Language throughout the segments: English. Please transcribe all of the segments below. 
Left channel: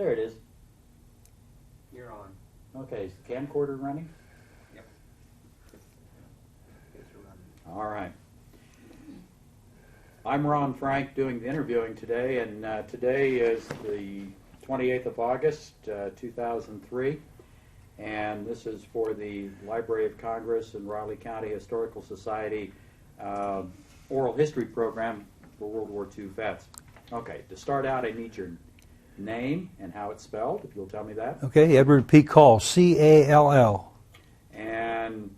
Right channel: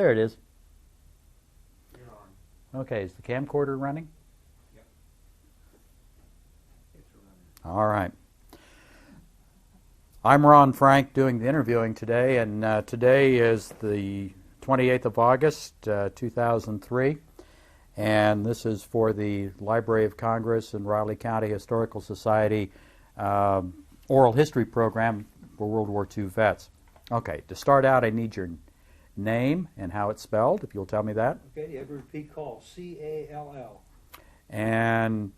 There it is. You're on. Okay, is the camcorder running? Yep. It's running. All right. I'm Ron Frank doing the interviewing today, and today is the 28th of August, 2003, and this is for the Library of Congress and Riley County Historical Society oral history program for World War II vets. Okay, to start out, I need your name and how it's spelled, if you'll tell me that. Okay, Edward P. Call, C-A-L-L. And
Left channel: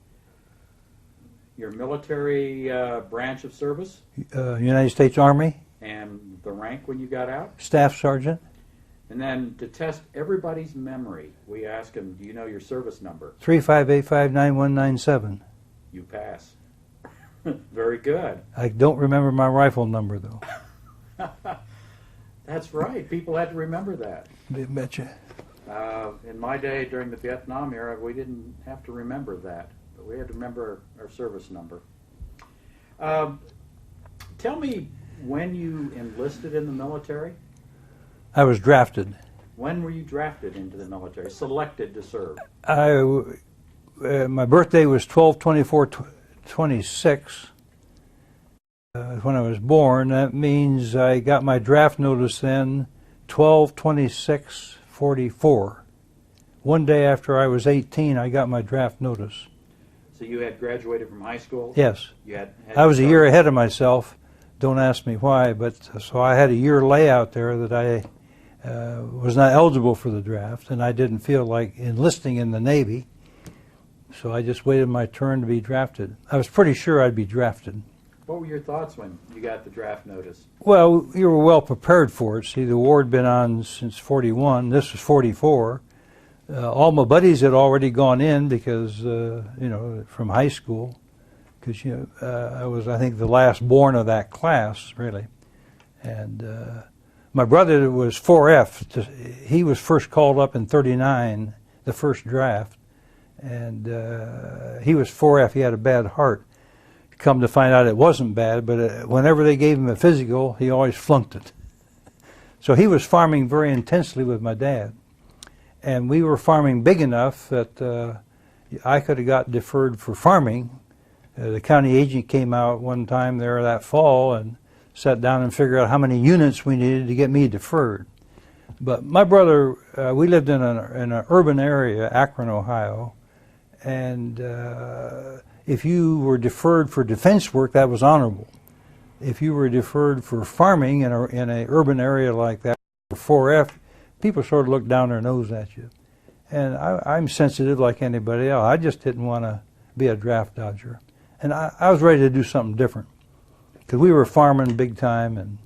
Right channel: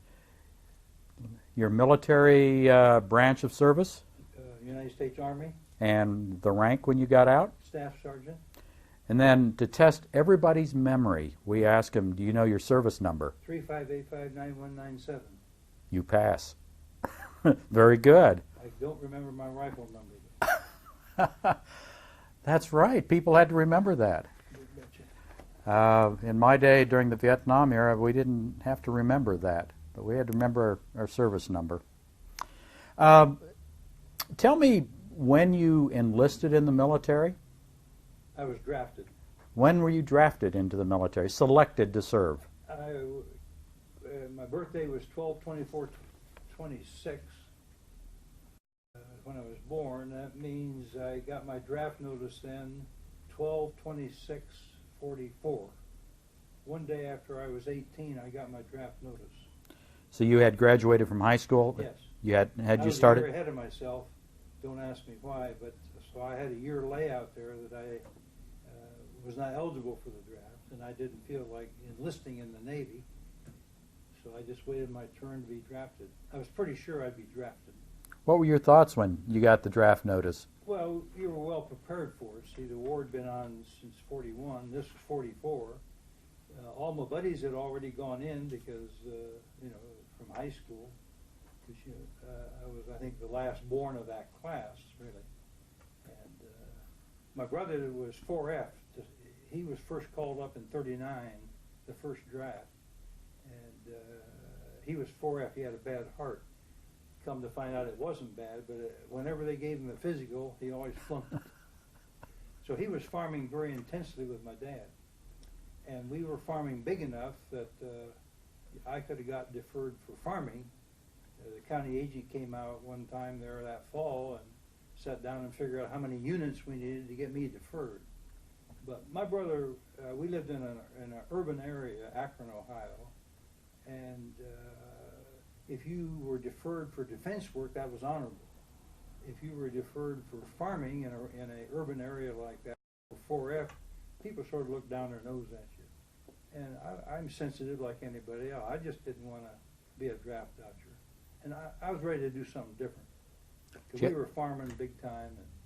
your military branch of service United States Army, and the rank when you got out. Staff Sergeant. And then to test everybody's memory, we ask them, do you know your service number? 35859197. You pass. Very good. I don't remember my rifle number, though. That's right. People had to remember that. I betcha. In my day, during the Vietnam era, we didn't have to remember that, but we had to remember our service number. Tell me when you enlisted in the military. I was drafted. When were you drafted into the military, selected to serve? My birthday was 12/24/26. When I was born, that means I got my draft notice then 12/26/44. One day after I was 18, I got my draft notice. So you had graduated from high school? Yes. Had I was a year ahead of myself. Don't ask me why, but so I had a year layout there that I was not eligible for the draft, and I didn't feel like enlisting in the Navy, so I just waited my turn to be drafted. I was pretty sure I'd be drafted. What were your thoughts when you got the draft notice? Well, you were well prepared for it. See, the war had been on since 41. This was 44. All my buddies had already gone in because, from high school, because I was, I think, the last born of that class, really. And my brother was 4F. He was first called up in 39, the first draft, and he was 4F. He had a bad heart. Come to find out it wasn't bad, but whenever they gave him a physical, he always flunked it. So he was farming very intensely with my dad. And we were farming big enough that I could have got deferred for farming. The county agent came out one time there that fall and sat down and figured out how many units we needed to get me deferred. But my brother, we lived in an urban area, Akron, Ohio, and if you were deferred for defense work, that was honorable. If you were deferred for farming in an urban area like that, 4F, people sort of looked down their nose at you. And I'm sensitive like anybody else. I just didn't want to be a draft dodger. And I was ready to do something different. Because we were farming big time, and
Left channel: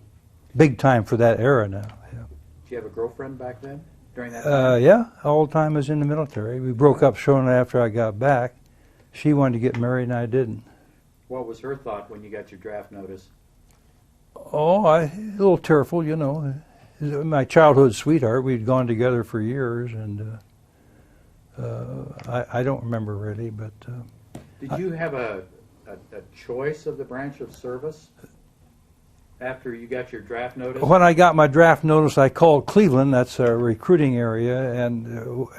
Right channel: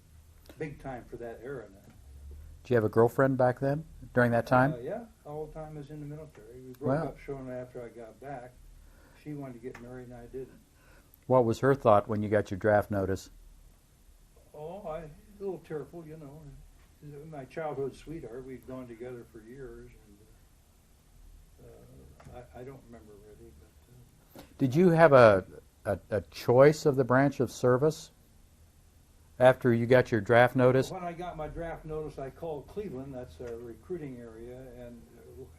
big time for that era now. Yeah. Did you have a girlfriend back then, during that time? Yeah, all the time I was in the military. We broke up shortly after I got back. She wanted to get married and I didn't. What was her thought when you got your draft notice? Oh, a little tearful, you know. My childhood sweetheart. We'd gone together for years, and I don't remember really, but... Did you have a choice of the branch of service after you got your draft notice? When I got my draft notice, I called Cleveland, that's a recruiting area,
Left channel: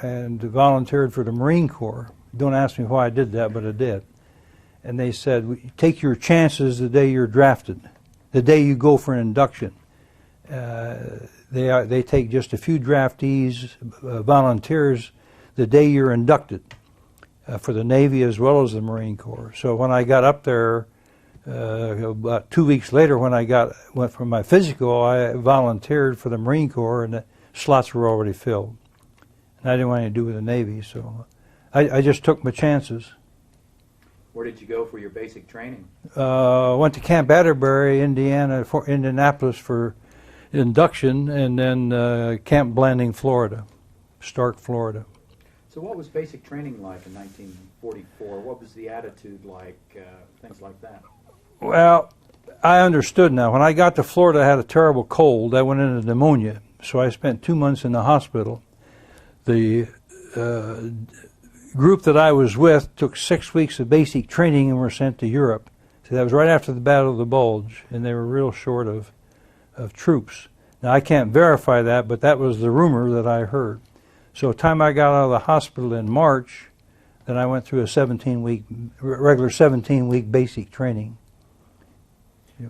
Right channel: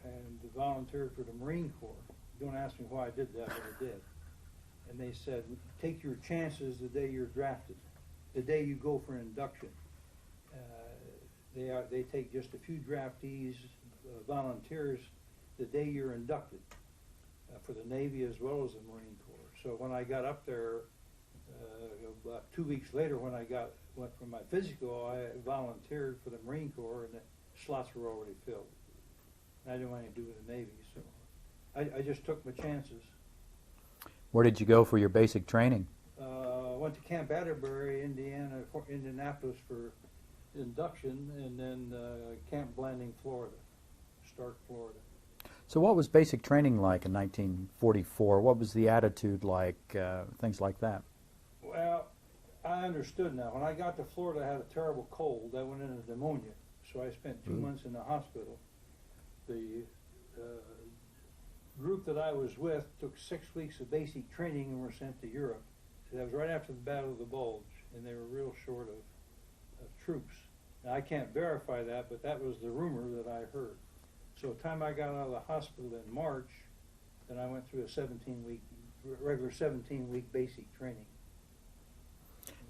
and volunteered for the Marine Corps. Don't ask me why I did that, but I did. And they said, take your chances the day you're drafted, the day you go for an induction. They take just a few draftees, volunteers, the day you're inducted for the Navy as well as the Marine Corps. So when I got up there, about 2 weeks later, when I went for my physical, I volunteered for the Marine Corps, and the slots were already filled. And I didn't want anything to do with the Navy, so I just took my chances. Where did you go for your basic training? Went to Camp Atterbury, Indianapolis for induction, and then Camp Blanding, Florida, Stark, Florida. So what was basic training like in 1944? What was the attitude like, things like that? Well, I understood now. When I got to Florida, I had a terrible cold. I went into pneumonia, so I spent 2 months in the hospital. The group that I was with took 6 weeks of basic training and were sent to Europe. So that was right after the Battle of the Bulge, and they were real short of troops. Now, I can't verify that, but that was the rumor that I heard. So the time I got out of the hospital in March, then I went through a 17-week, regular 17-week basic training.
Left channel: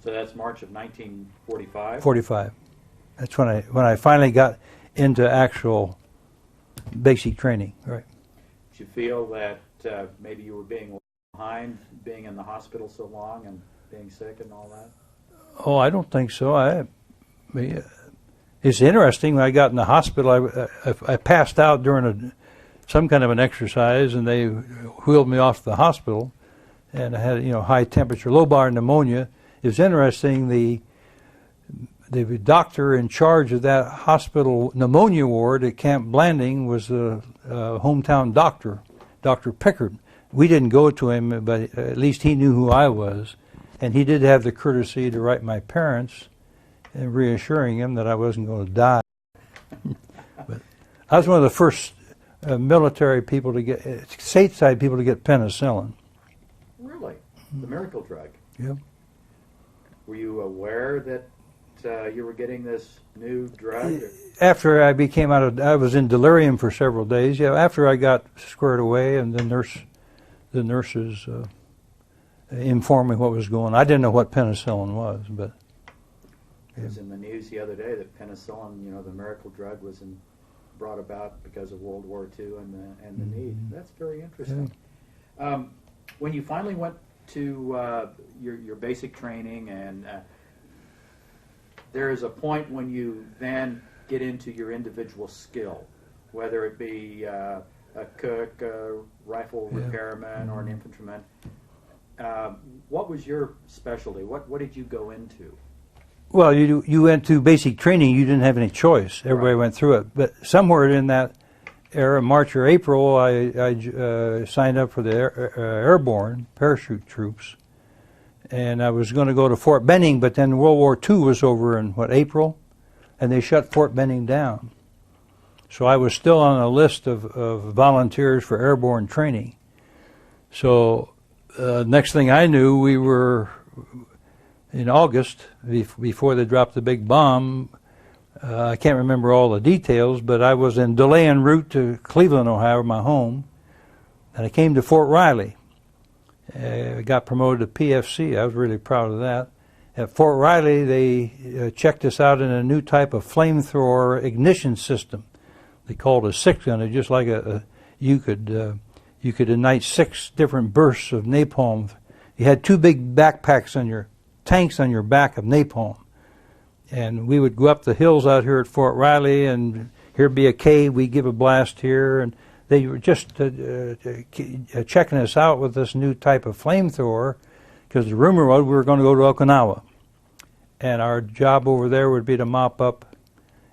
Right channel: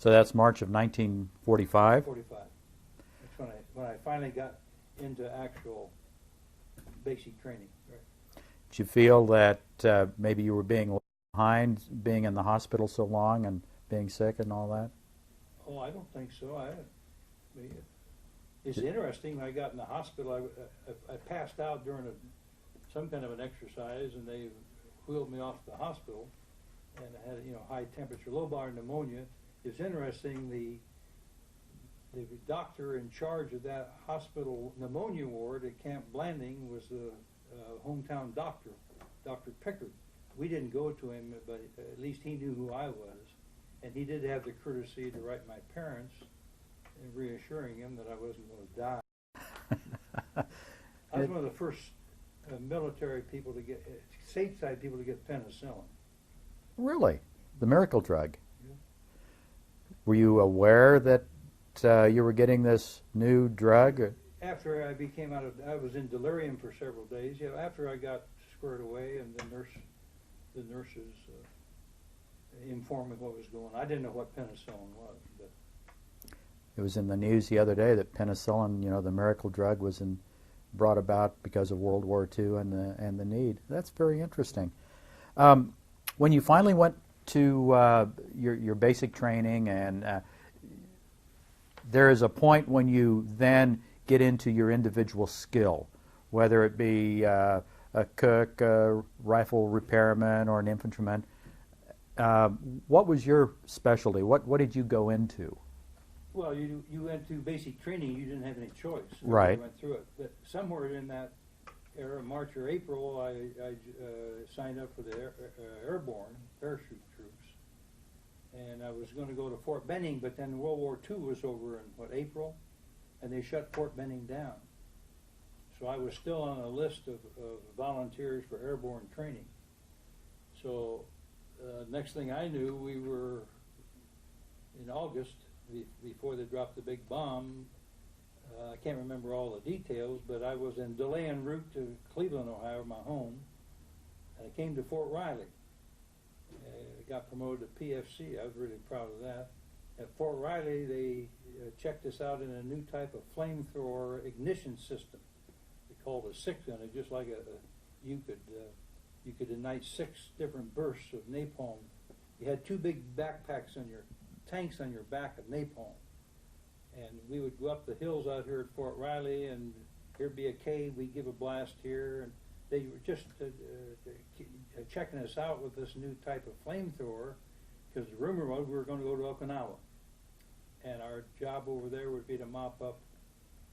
So that's March of 1945? 45. That's when I finally got into actual basic training. Right. Did you feel that maybe you were being left behind, being in the hospital so long and being sick and all that? Oh, I don't think so. It's interesting. When I got in the hospital, I passed out during some kind of an exercise, and they wheeled me off to the hospital, and I had high temperature, lobar pneumonia. It was interesting. The doctor in charge of that hospital pneumonia ward at Camp Blanding was the hometown doctor, Dr. Pickard. We didn't go to him, but at least he knew who I was, and he did have the courtesy to write my parents and reassuring him that I wasn't going to die. But I was one of the first military people to get, stateside people to get penicillin. Really? The miracle drug? Yeah. Were you aware that you were getting this new drug? After I became I was in delirium for several days. Yeah, after I got squared away, and the nurses informed me what was going on. I didn't know what penicillin was, but it was in the news the other day that penicillin, the miracle drug, was brought about because of World War II and the need. That's very interesting. Yeah. When you finally went to your basic training, and there is a point when you then get into your individual skill, whether it be a cook, a rifle repairman, or an infantryman. What was your specialty? What did you go into? Well, you went to basic training. You didn't have any choice. Everybody went through it. But somewhere in that era, March or April, I signed up for the airborne parachute troops, and I was going to go to Fort Benning. But then World War II was over in April, and they shut Fort Benning down. So I was still on a list of volunteers for airborne training. So next thing I knew, we were in August, before they dropped the big bomb. I can't remember all the details, but I was in delay en route to Cleveland, Ohio, my home, and I came to Fort Riley. I got promoted to PFC. I was really proud of that. At Fort Riley, they checked us out in a new type of flamethrower ignition system. They called it a 6-gun, just like you could ignite 6 different bursts of napalm. You had 2 big backpacks on your tanks on your back of napalm, and we would go up the hills out here at Fort Riley, and here'd be a cave. We'd give a blast here, and they were just checking us out with this new type of flamethrower, because the rumor was we were going to go to Okinawa, and our job over there would be to mop up,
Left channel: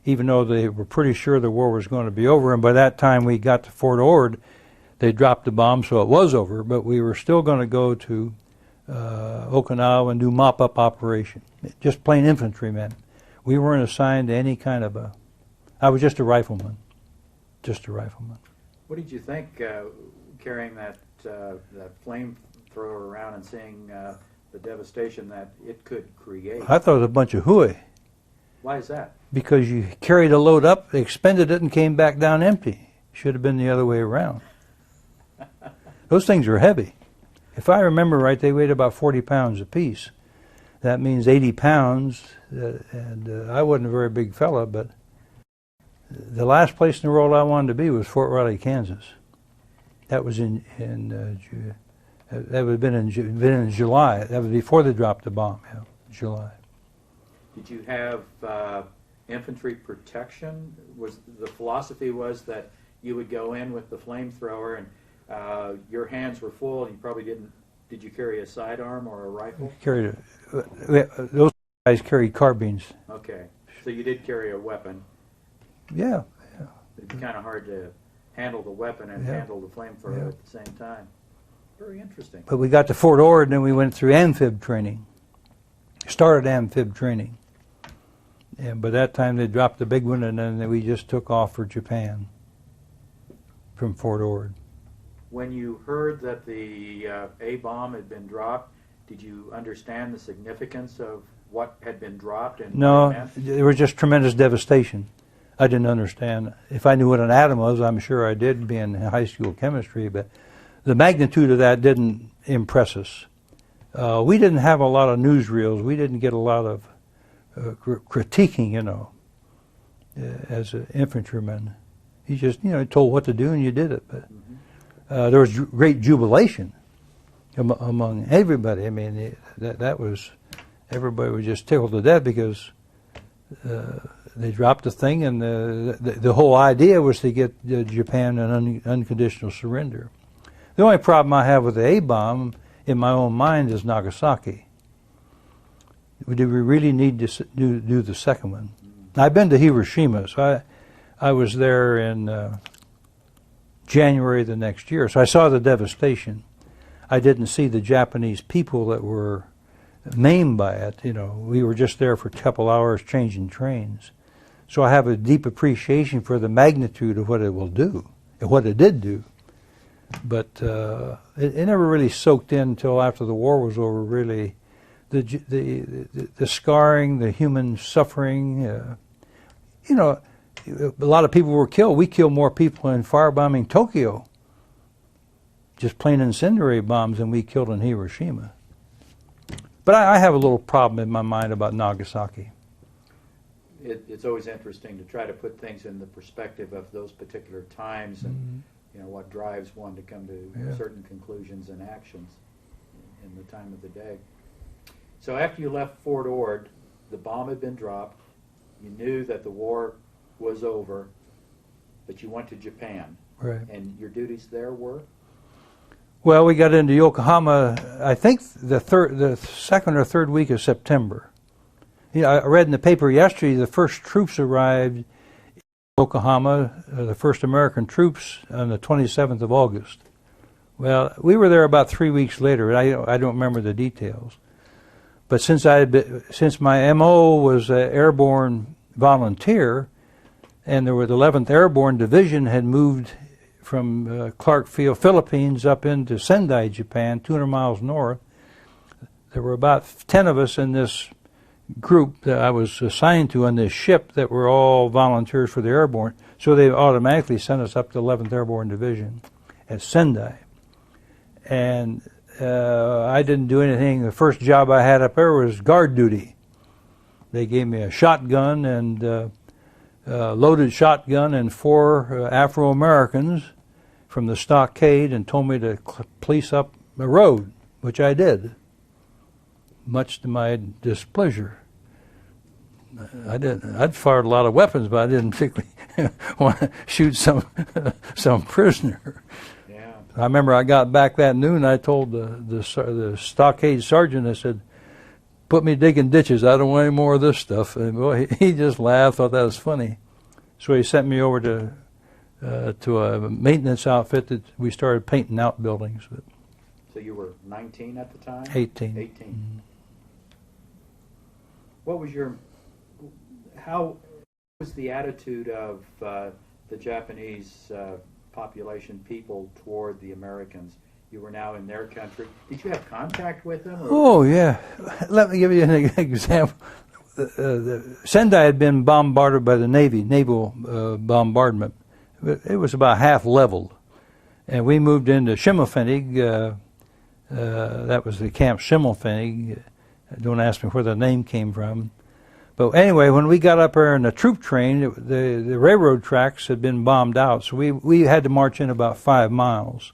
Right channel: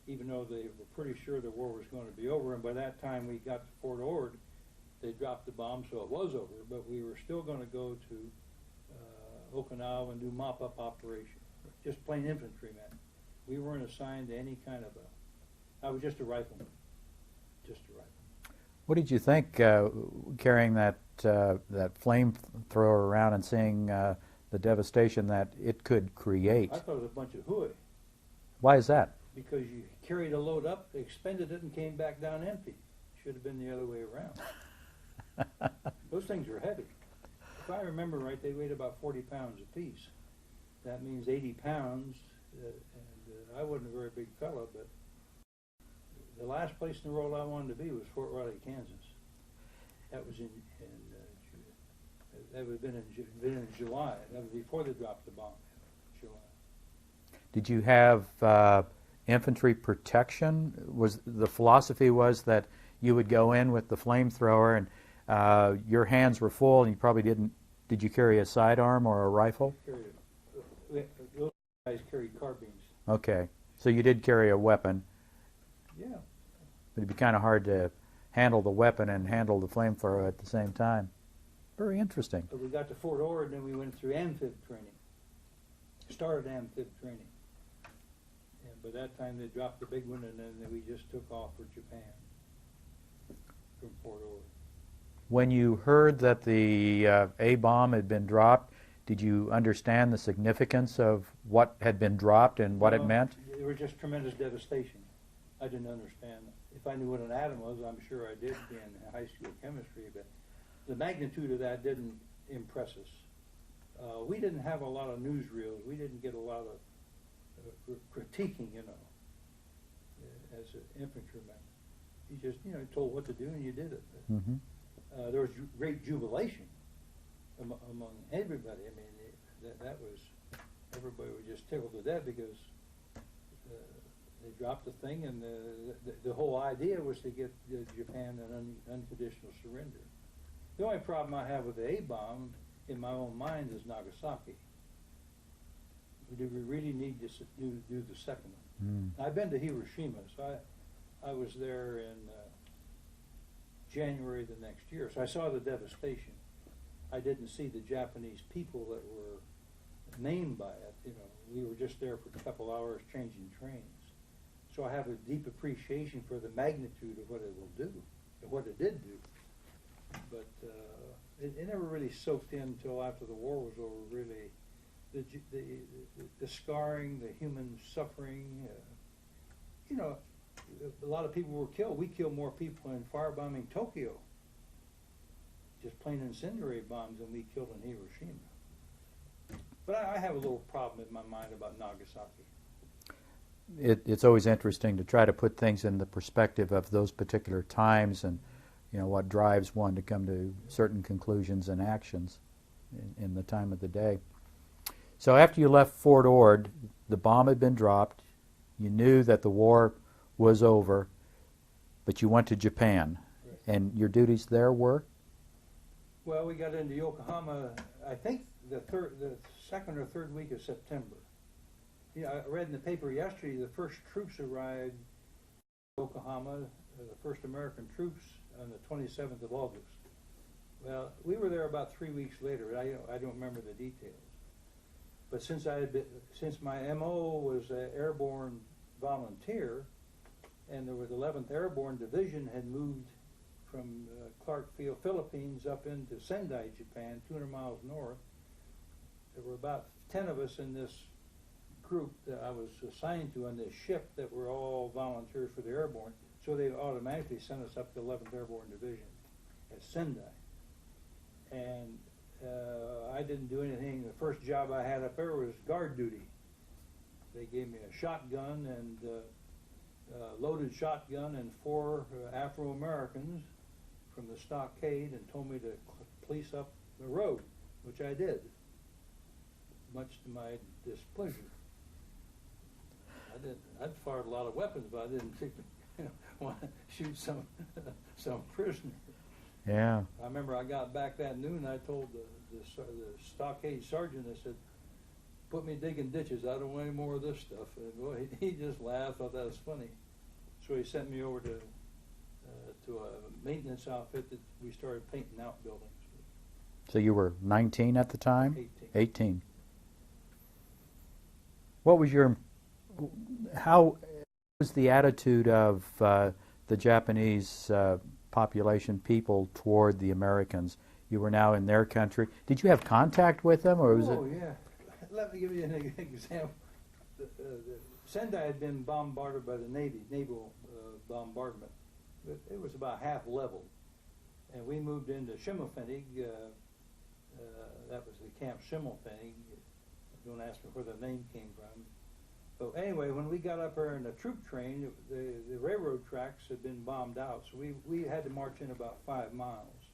even though they were pretty sure the war was going to be over. And by that time we got to Fort Ord, they dropped the bomb, so it was over, but we were still going to go to Okinawa and do mop-up operation, just plain infantrymen. We weren't assigned to any kind of I was just a rifleman, What did you think carrying that flamethrower around and seeing the devastation that it could create? I thought it was a bunch of hooey. Why is that? Because you carried a load up, expended it, and came back down empty. Should have been the other way around. Those things are heavy. If I remember right, they weighed about 40 pounds apiece. That means 80 pounds, and I wasn't a very big fella, but the last place in the world I wanted to be was Fort Riley, Kansas. That was that would have been in July. That was before they dropped the bomb. Yeah, July. Did you have infantry protection? The philosophy was that you would go in with the flamethrower and your hands were full, and you probably didn't. Did you carry a sidearm or a rifle? Those guys carried carbines. Okay, so you did carry a weapon. Yeah. It'd be kind of hard to handle the weapon and handle the flamethrower at the same time. Very interesting. But we got to Fort Ord, and then we went through amphib training. Started amphib training. And by that time they dropped the big one, and then we just took off for Japan from Fort Ord. When you heard that the A-bomb had been dropped, did you understand the significance of what had been dropped and what No, it meant? there was just tremendous devastation. I didn't understand. If I knew what an atom was, I'm sure I did, being in high school chemistry, but the magnitude of that didn't impress us. We didn't have a lot of newsreels. We didn't get a lot of critiquing, as an infantryman. You just, told what to do and you did it. But there was great jubilation among everybody. I mean, that was, everybody was just tickled to death because they dropped the thing, and the whole idea was to get Japan an unconditional surrender. The only problem I have with the A-bomb in my own mind is Nagasaki. Do we really need to do the second one? I've been to Hiroshima, so I was there in January the next year, so I saw the devastation. I didn't see the Japanese people that were maimed by it. We were just there for a couple hours changing trains. So I have a deep appreciation for the magnitude of what it will do, and what it did do. But it never really soaked in until after the war was over, really. The scarring, the human suffering, a lot of people were killed. We killed more people in firebombing Tokyo, just plain incendiary bombs, than we killed in Hiroshima. But I have a little problem in my mind about Nagasaki. It's always interesting to try to put things in the perspective of those particular times and what drives one to come to certain conclusions and actions in the time of the day. So after you left Fort Ord, the bomb had been dropped. You knew that the war was over, but you went to Japan. Right. And your duties there were? Well, we got into Yokohama, I think the second or third week of September. I read in the paper yesterday the first troops arrived in Yokohama, the first American troops, on the 27th of August. Well, we were there about 3 weeks later. I don't remember the details. But since my MO was an airborne volunteer, and the 11th Airborne Division had moved from Clark Field, Philippines, up into Sendai, Japan, 200 miles north, there were about 10 of us in this group that I was assigned to on this ship that were all volunteers for the airborne. So they automatically sent us up to the 11th Airborne Division at Sendai. And I didn't do anything. The first job I had up there was guard duty. They gave me a shotgun and loaded shotgun and 4 Afro-Americans from the stockade, and told me to police up the road, which I did, much to my displeasure. I'd fired a lot of weapons, but I didn't particularly want to shoot some prisoner. Yeah. I remember I got back that noon. I told the stockade sergeant, I said, "Put me digging ditches. I don't want any more of this stuff." And boy, he just laughed, thought that was funny. So he sent me over to a maintenance outfit that we started painting outbuildings. So you were 19 at the time? 18. 18. Mm-hmm. How was the attitude of the Japanese population, people, toward the Americans? You were now in their country. Did you have contact with them? Or? Oh, yeah. Let me give you an example. Sendai had been bombarded by the Navy, naval bombardment. It was about half leveled. And we moved into Schimmelpfennig. That was the Camp Schimmelpfennig. Don't ask me where the name came from. But anyway, when we got up there in the troop train, the railroad tracks had been bombed out, so we had to march in about 5 miles.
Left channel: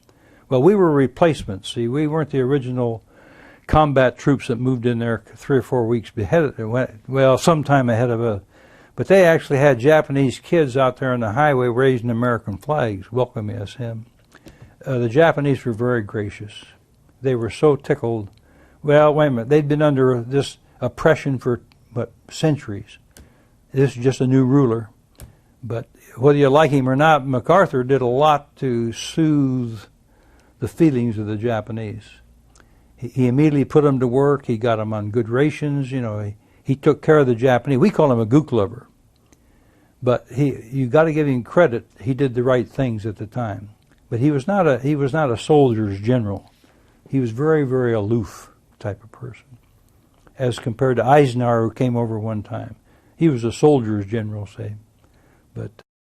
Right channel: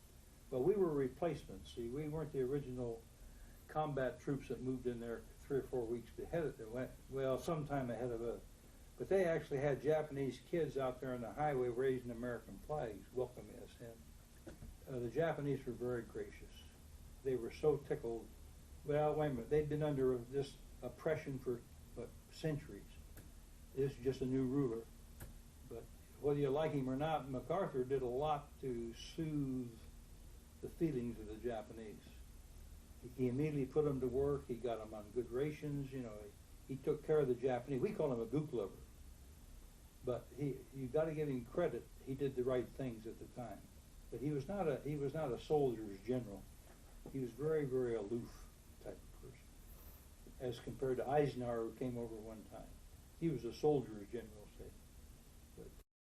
Well, we were replacements. See, we weren't the original combat troops that moved in there 3 or 4 weeks ahead. Well, sometime ahead of us. But they actually had Japanese kids out there on the highway raising American flags, welcoming us in. The Japanese were very gracious. They were so tickled. Well, wait a minute. They'd been under this oppression for centuries. This is just a new ruler. But whether you like him or not, MacArthur did a lot to soothe the feelings of the Japanese. He immediately put them to work. He got them on good rations. He took care of the Japanese. We call him a gook lover. But you got to give him credit. He did the right things at the time. But he was not a soldier's general. He was very, very aloof type of person. as compared to Eisenhower, who came over one time. He was a soldier's general, say. But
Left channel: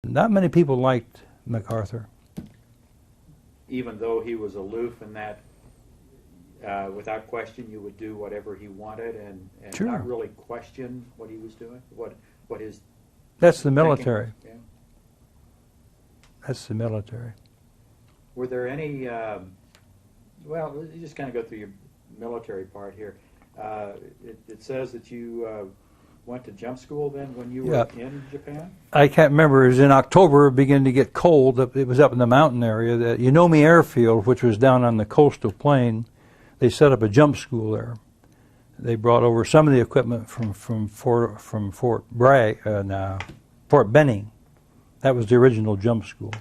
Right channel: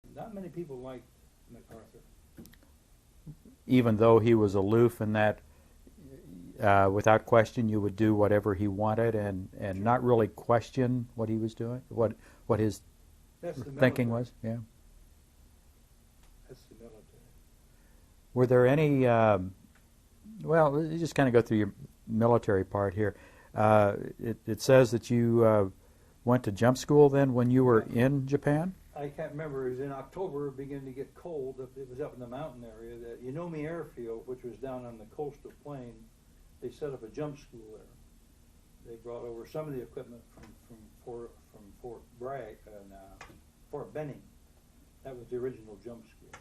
not many people liked MacArthur. Even though he was aloof in that, without question, you would do whatever he wanted and Sure. not really question what he was doing, what his That's the thinking military. was. Yeah. That's the military. Were there any? Well, you just kind of go through your military part here. It says that you went to jump school then when you were Yep. in Japan. I can't remember. It was in October. It began to get cold. It was up in the mountain area. The Unomi Airfield, which was down on the coastal plain, they set up a jump school there. They brought over some of the equipment from Fort Bragg, Fort Benning. That was the original jump school.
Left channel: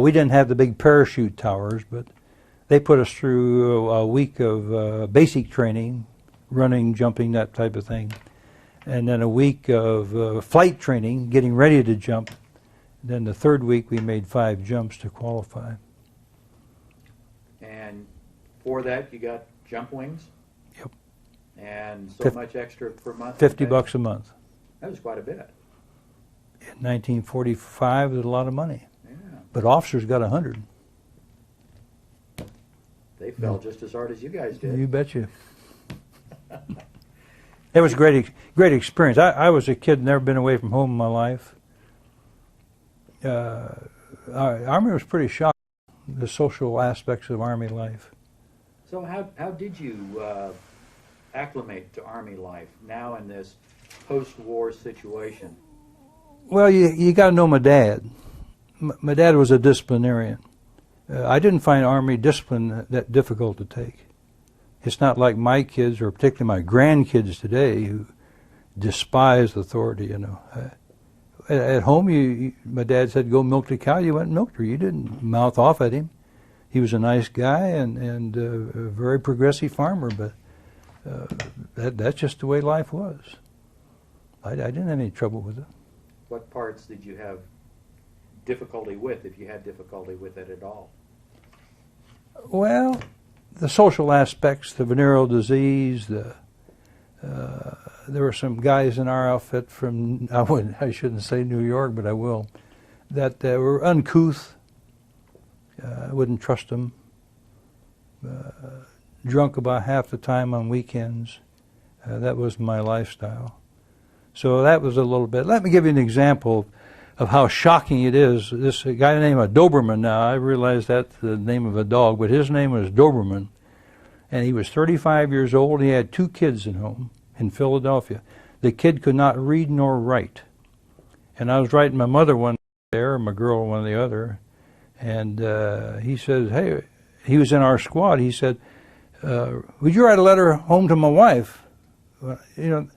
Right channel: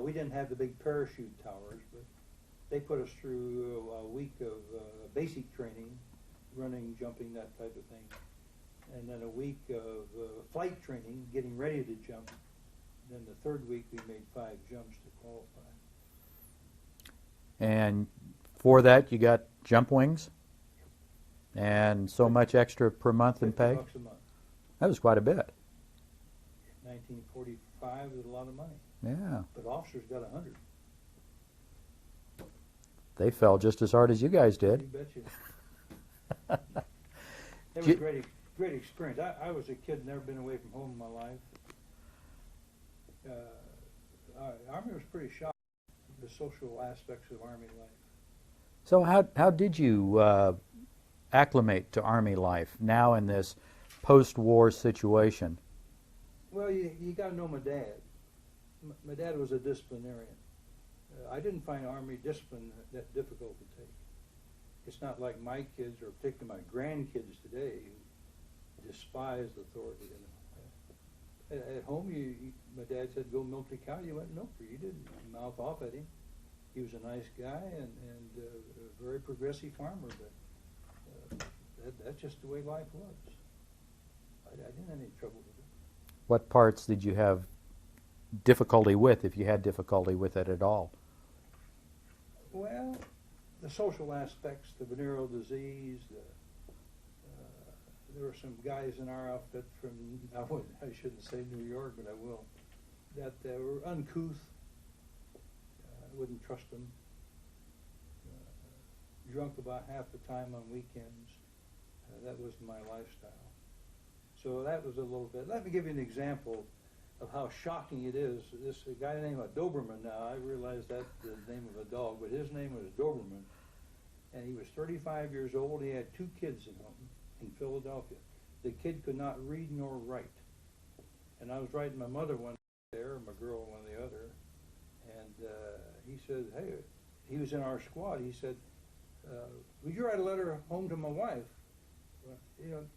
We didn't have the big parachute towers, but they put us through a week of basic training, running, jumping, that type of thing. And then a week of flight training, getting ready to jump. Then the third week we made 5 jumps to qualify. And for that, you got jump wings. Yep. And so Fif- much extra per month. in pay? $50 a month. That was quite a bit. In 1945, it was a lot of money. Yeah. But officers got 100. They fell just as hard as you guys did. You betcha. It was a great experience. I was a kid, never been away from home in my life. Army was pretty shocking, the social aspects of Army life. So how did you acclimate to Army life now in this post-war situation? Well, you got to know my dad. My dad was a disciplinarian. I didn't find Army discipline that difficult to take. It's not like my kids, or particularly my grandkids today, who despise authority. You know, at home, my dad said, "Go milk the cow." You went and milked her. You didn't mouth off at him. He was a nice guy and a very progressive farmer, but that's just the way life was. I didn't have any trouble with it. What parts did you have difficulty with, if you had difficulty with it at all? Well, the social aspects, the venereal disease, there were some guys in our outfit from, I shouldn't say New York, but I will, that were uncouth. I wouldn't trust them. Drunk about half the time on weekends. That was my lifestyle. So that was a little bit. Let me give you an example of how shocking it is. This guy named Doberman now, I realize that's the name of a dog, but his name was Doberman. And he was 35 years old. He had 2 kids at home in Philadelphia. The kid could not read nor write. And I was writing my mother one there, my girl one the other. And he says, hey, he was in our squad. He said, would you write a letter home to my wife? Well, you know,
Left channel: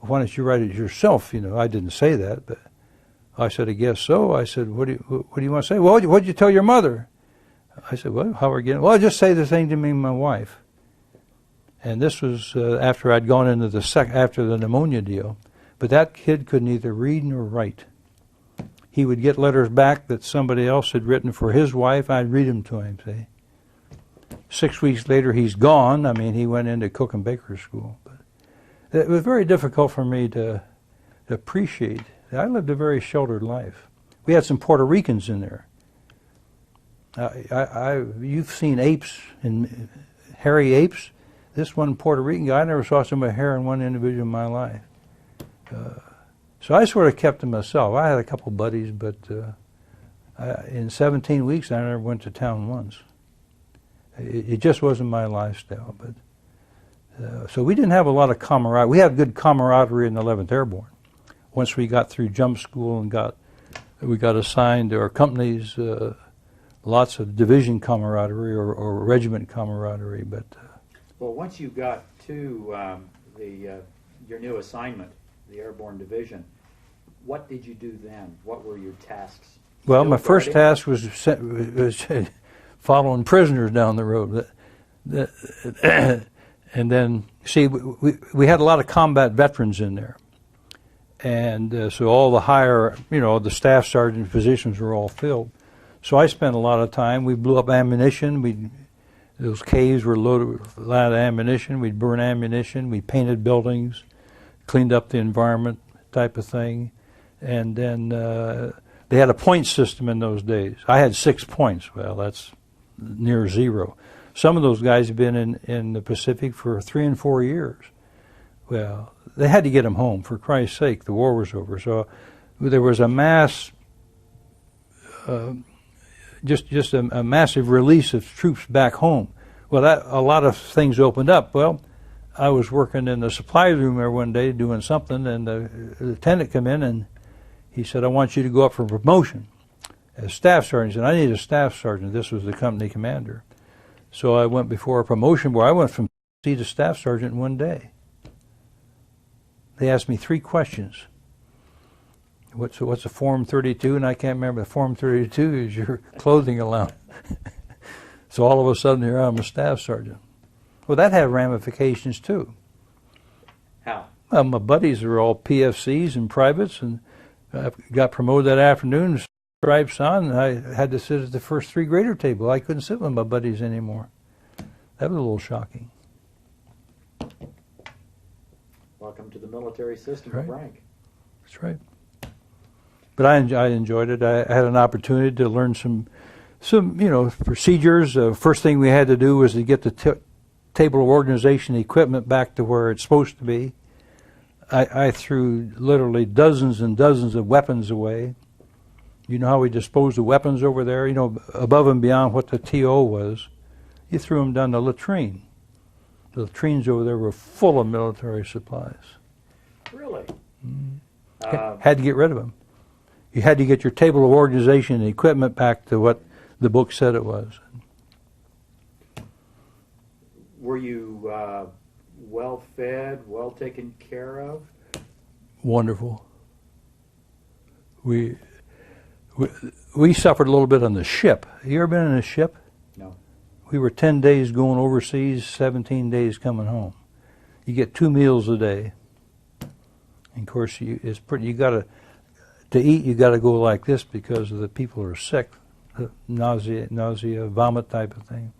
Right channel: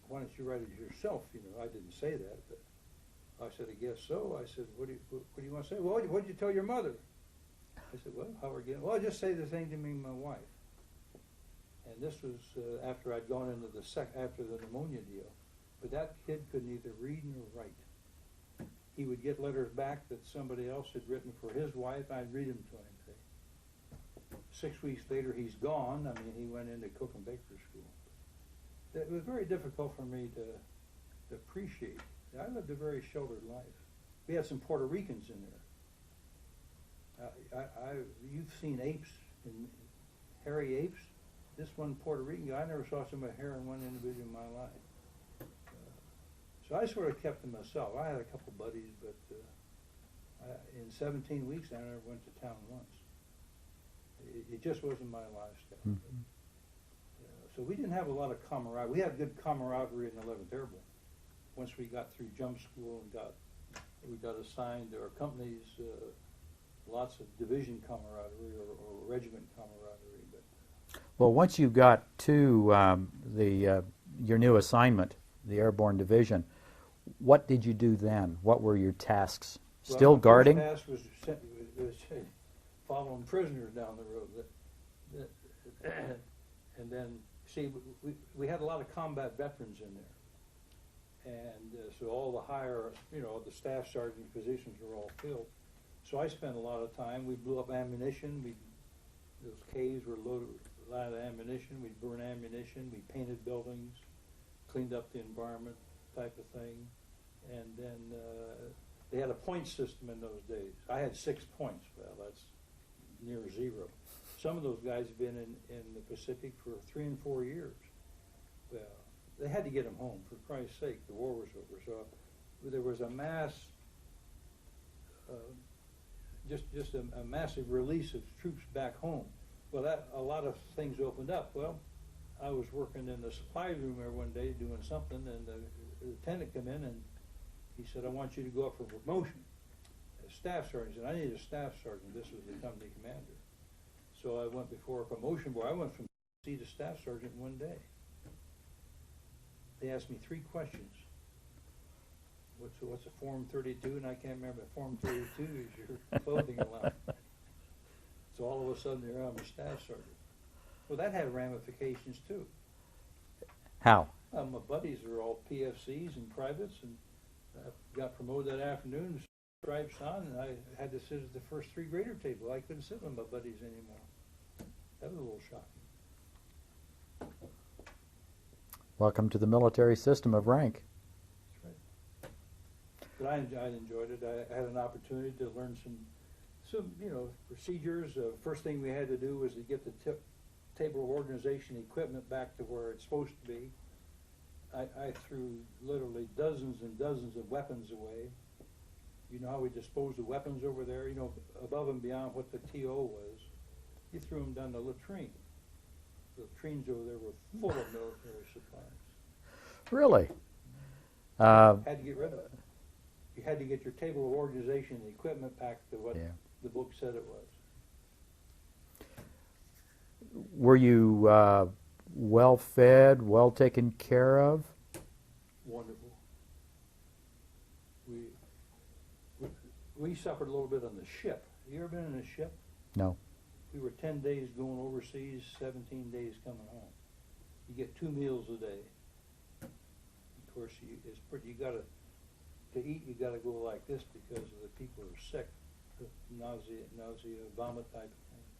why don't you write it yourself? You know, I didn't say that, but I said, I guess so. I said, what do you want to say? Well, what'd you tell your mother? I said, well, how are we getting? Well, just say the thing to me and my wife. And this was after I'd gone into after the pneumonia deal. But that kid could neither read nor write. He would get letters back that somebody else had written for his wife. I'd read them to him, see. 6 weeks later, he's gone. I mean, he went into cook and baker school. But it was very difficult for me to appreciate. I lived a very sheltered life. We had some Puerto Ricans in there. You've seen apes, and hairy apes. This one Puerto Rican guy, I never saw so much hair in one individual in my life. So I sort of kept to myself. I had a couple buddies, but in 17 weeks, I never went to town once. It just wasn't my lifestyle. But so we didn't have a lot of camaraderie. We had good camaraderie in the 11th Airborne. Once we got through jump school and we got assigned to our companies, lots of division camaraderie or regiment camaraderie. But well, once you got to your new assignment, the Airborne Division, what did you do then? What were your tasks? Well, Still my guarding? first task was following prisoners down the road. And then, see, we had a lot of combat veterans in there. And so all the higher, the staff sergeant positions were all filled. So I spent a lot of time. We blew up ammunition. Those caves were loaded with a lot of ammunition. We'd burn ammunition. We painted buildings, cleaned up the environment, type of thing. And then they had a point system in those days. I had 6 points. Well, that's near zero. Some of those guys have been in the Pacific for 3 and 4 years. Well, they had to get them home, for Christ's sake. The war was over. So there was a mass, just a massive release of troops back home. Well, a lot of things opened up. Well, I was working in the supply room there one day doing something, and the lieutenant came in and he said, "I want you to go up for promotion as staff sergeant." He said, "I need a staff sergeant." This was the company commander. So I went before a promotion board. I went from C to staff sergeant in one day. They asked me 3 questions. What's a Form 32? And I can't remember. The Form 32 is your clothing allowance. So all of a sudden here I'm a staff sergeant. Well, that had ramifications too. How? My buddies are all PFCs and privates, and I got promoted that afternoon, stripes on, and I had to sit at the first 3 grader table. I couldn't sit with my buddies anymore. That was a little shocking. Welcome to the military system of rank. That's right. But I enjoyed it. I had an opportunity to learn some procedures. First thing we had to do was to get the table of organization equipment back to where it's supposed to be. I threw literally dozens and dozens of weapons away. You know how we disposed of weapons over there? Above and beyond what the TO was. You threw them down the latrine. The latrines over there were full of military supplies. Really? Had to get rid of them. You had to get your table of organization and equipment back to what the book said it was. Were you well fed, well taken care of? Wonderful. We suffered a little bit on the ship. You ever been in a ship? No. We were 10 days going overseas, 17 days coming home. You get 2 meals a day. And of course, you got to eat. You got to go like this because the people are sick, nausea, vomit type of thing.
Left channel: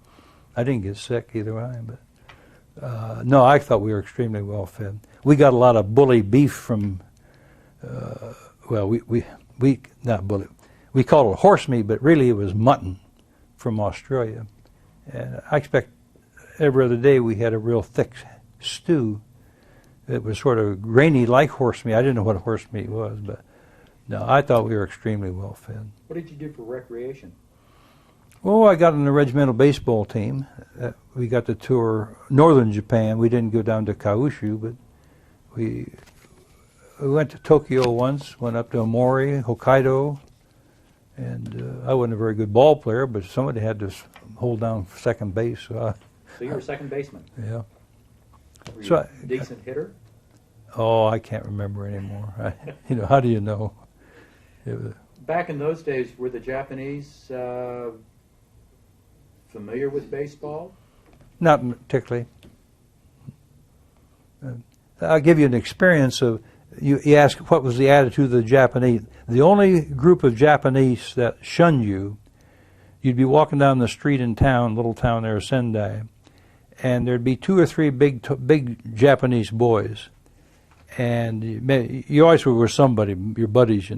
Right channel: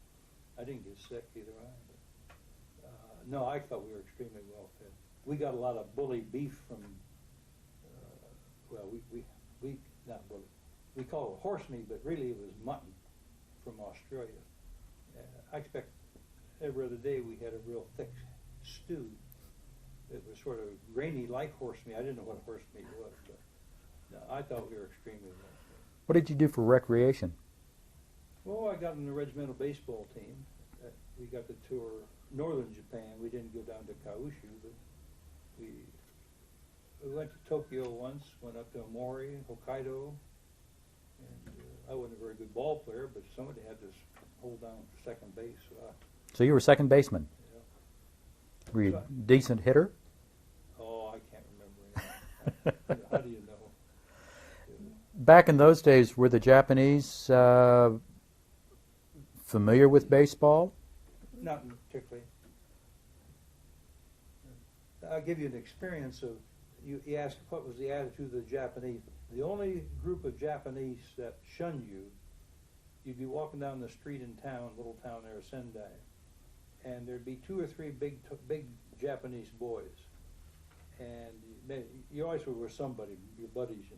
I didn't get sick either way, but no, I thought we were extremely well fed. We got a lot of bully beef from. We not bully. We called it horse meat, but really it was mutton from Australia. And I expect every other day we had a real thick stew. It was sort of grainy like horse meat. I didn't know what horse meat was, but no, I thought we were extremely well fed. What did you do for recreation? Well, I got on the regimental baseball team. We got to tour northern Japan. We didn't go down to Kyushu, but we went to Tokyo once, went up to Omori, Hokkaido, and I wasn't a very good ball player, but somebody had to hold down second base. So you were second baseman? Yeah. Were you a decent hitter? Oh, I can't remember anymore. How do you know? Back in those days, were the Japanese familiar with baseball? Not particularly. I'll give you an experience of, you ask what was the attitude of the Japanese. The only group of Japanese that shunned you, you'd be walking down the street in town, little town there, Sendai, and there'd be 2 or 3 big Japanese boys. And you always were with somebody, your buddies,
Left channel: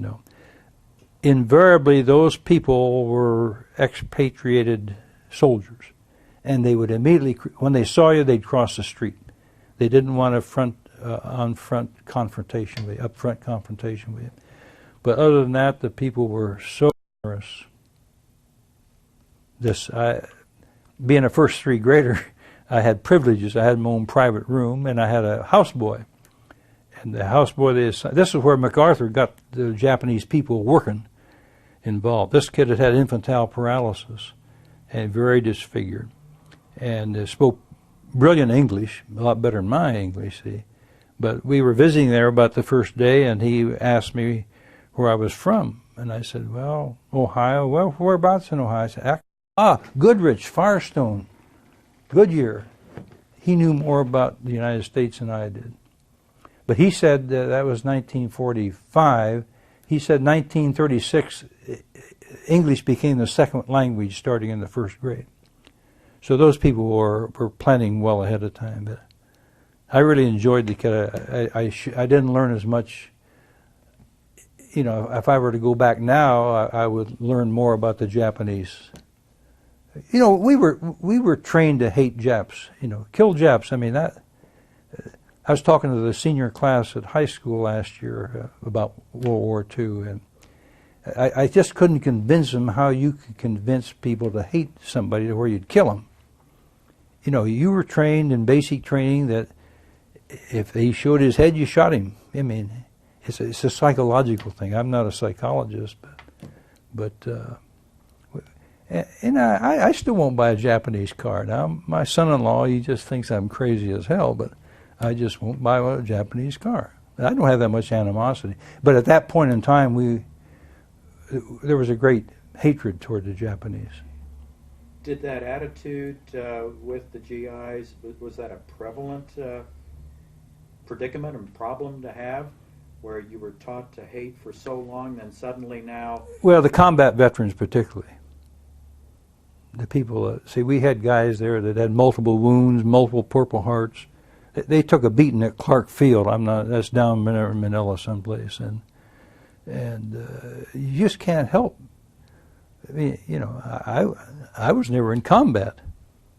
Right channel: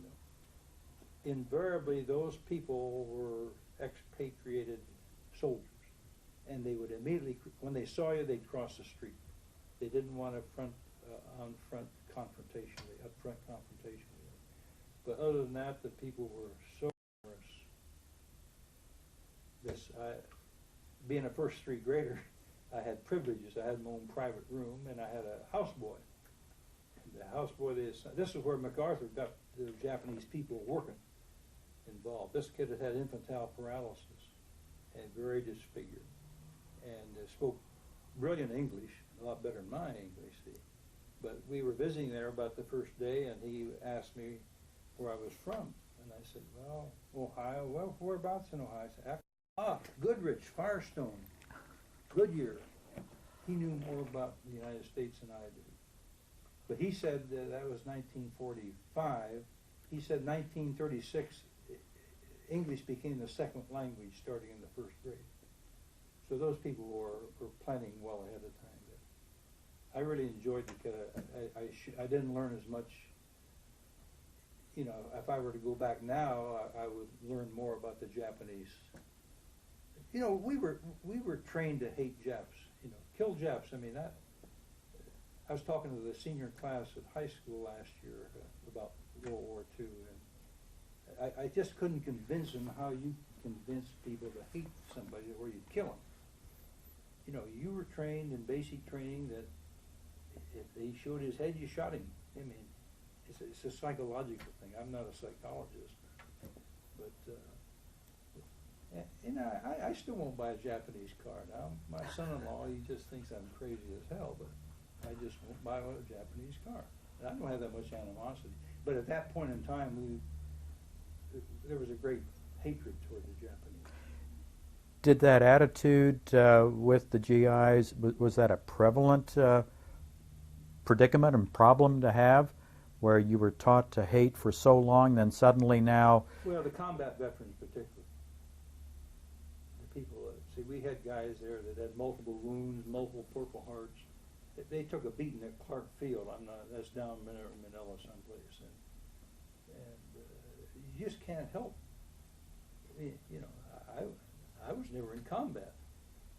Invariably, those people were expatriated soldiers. And they would immediately, when they saw you, they'd cross the street. They didn't want a up-front confrontation with you. But other than that, the people were so generous. Being a first 3 grader, I had privileges. I had my own private room, and I had a houseboy. And the houseboy, this is where MacArthur got the Japanese people working involved. This kid had infantile paralysis and very disfigured, and spoke brilliant English, a lot better than my English, see. But we were visiting there about the first day, and he asked me where I was from. And I said, well, Ohio. Well, whereabouts in Ohio? I said, Goodrich, Firestone, Goodyear. He knew more about the United States than I did. But he said that was 1945. He said 1936, English became the second language starting in the first grade. So those people were planning well ahead of time. But I really enjoyed the I didn't learn as much. You know, if I were to go back now, I would learn more about the Japanese. You know, we were trained to hate Japs. You know, kill Japs. I mean that. I was talking to the senior class at high school last year about World War II, and I just couldn't convince them how you could convince people to hate somebody to where you'd kill them. You know, you were trained in basic training that if he showed his head, you shot him. I mean, it's a psychological thing. I'm not a psychologist, but and I still won't buy a Japanese car. Now, my son-in-law, he just thinks I'm crazy as hell, but I just won't buy a Japanese car. I don't have that much animosity. But at that point in time, there was a great hatred toward the Japanese. Did that attitude with the GIs, was that a prevalent predicament and problem to have, where you were taught to hate for so long, then suddenly now... Well, the combat veterans particularly. The people, see, we had guys there that had multiple wounds, multiple Purple Hearts. They took a beating at Clark Field. That's down in Manila someplace, and you just can't help. I mean, you know, I was never in combat,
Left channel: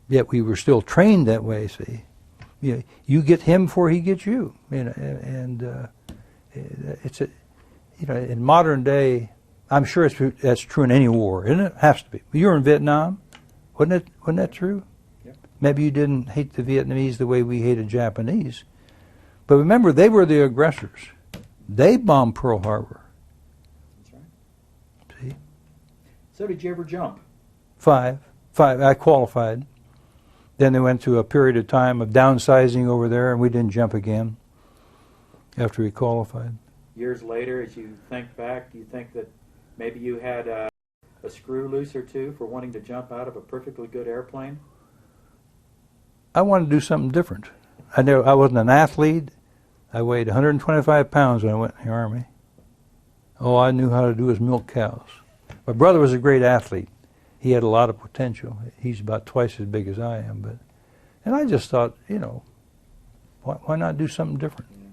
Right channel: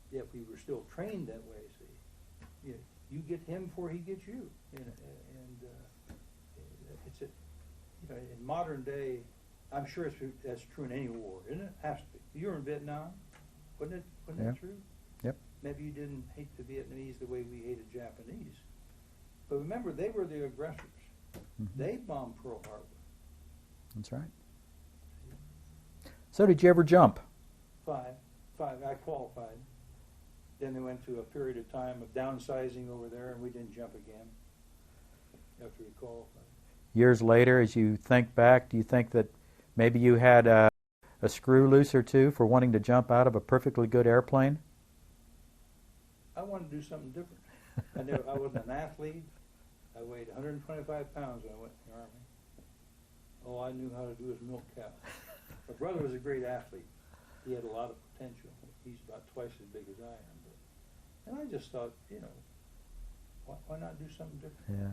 yet we were still trained that way. See, you get him before he gets you. You know, and it's you know, in modern day, I'm sure that's true in any war, isn't it? It has to be. You were in Vietnam, wasn't that true? Yep. Maybe you didn't hate the Vietnamese the way we hated Japanese, but remember, they were the aggressors. They bombed Pearl Harbor. That's right. See? So did you ever jump? Five. I qualified. Then they went to a period of time of downsizing over there, and we didn't jump again after we qualified. Years later, as you think back, do you think that maybe you had a screw loose or two for wanting to jump out of a perfectly good airplane? I wanted to do something different. I wasn't an athlete. I weighed 125 pounds when I went in the Army. All I knew how to do was milk cows. My brother was a great athlete. He had a lot of potential. He's about twice as big as I am. And I just thought, you know, why not do something different? Yeah.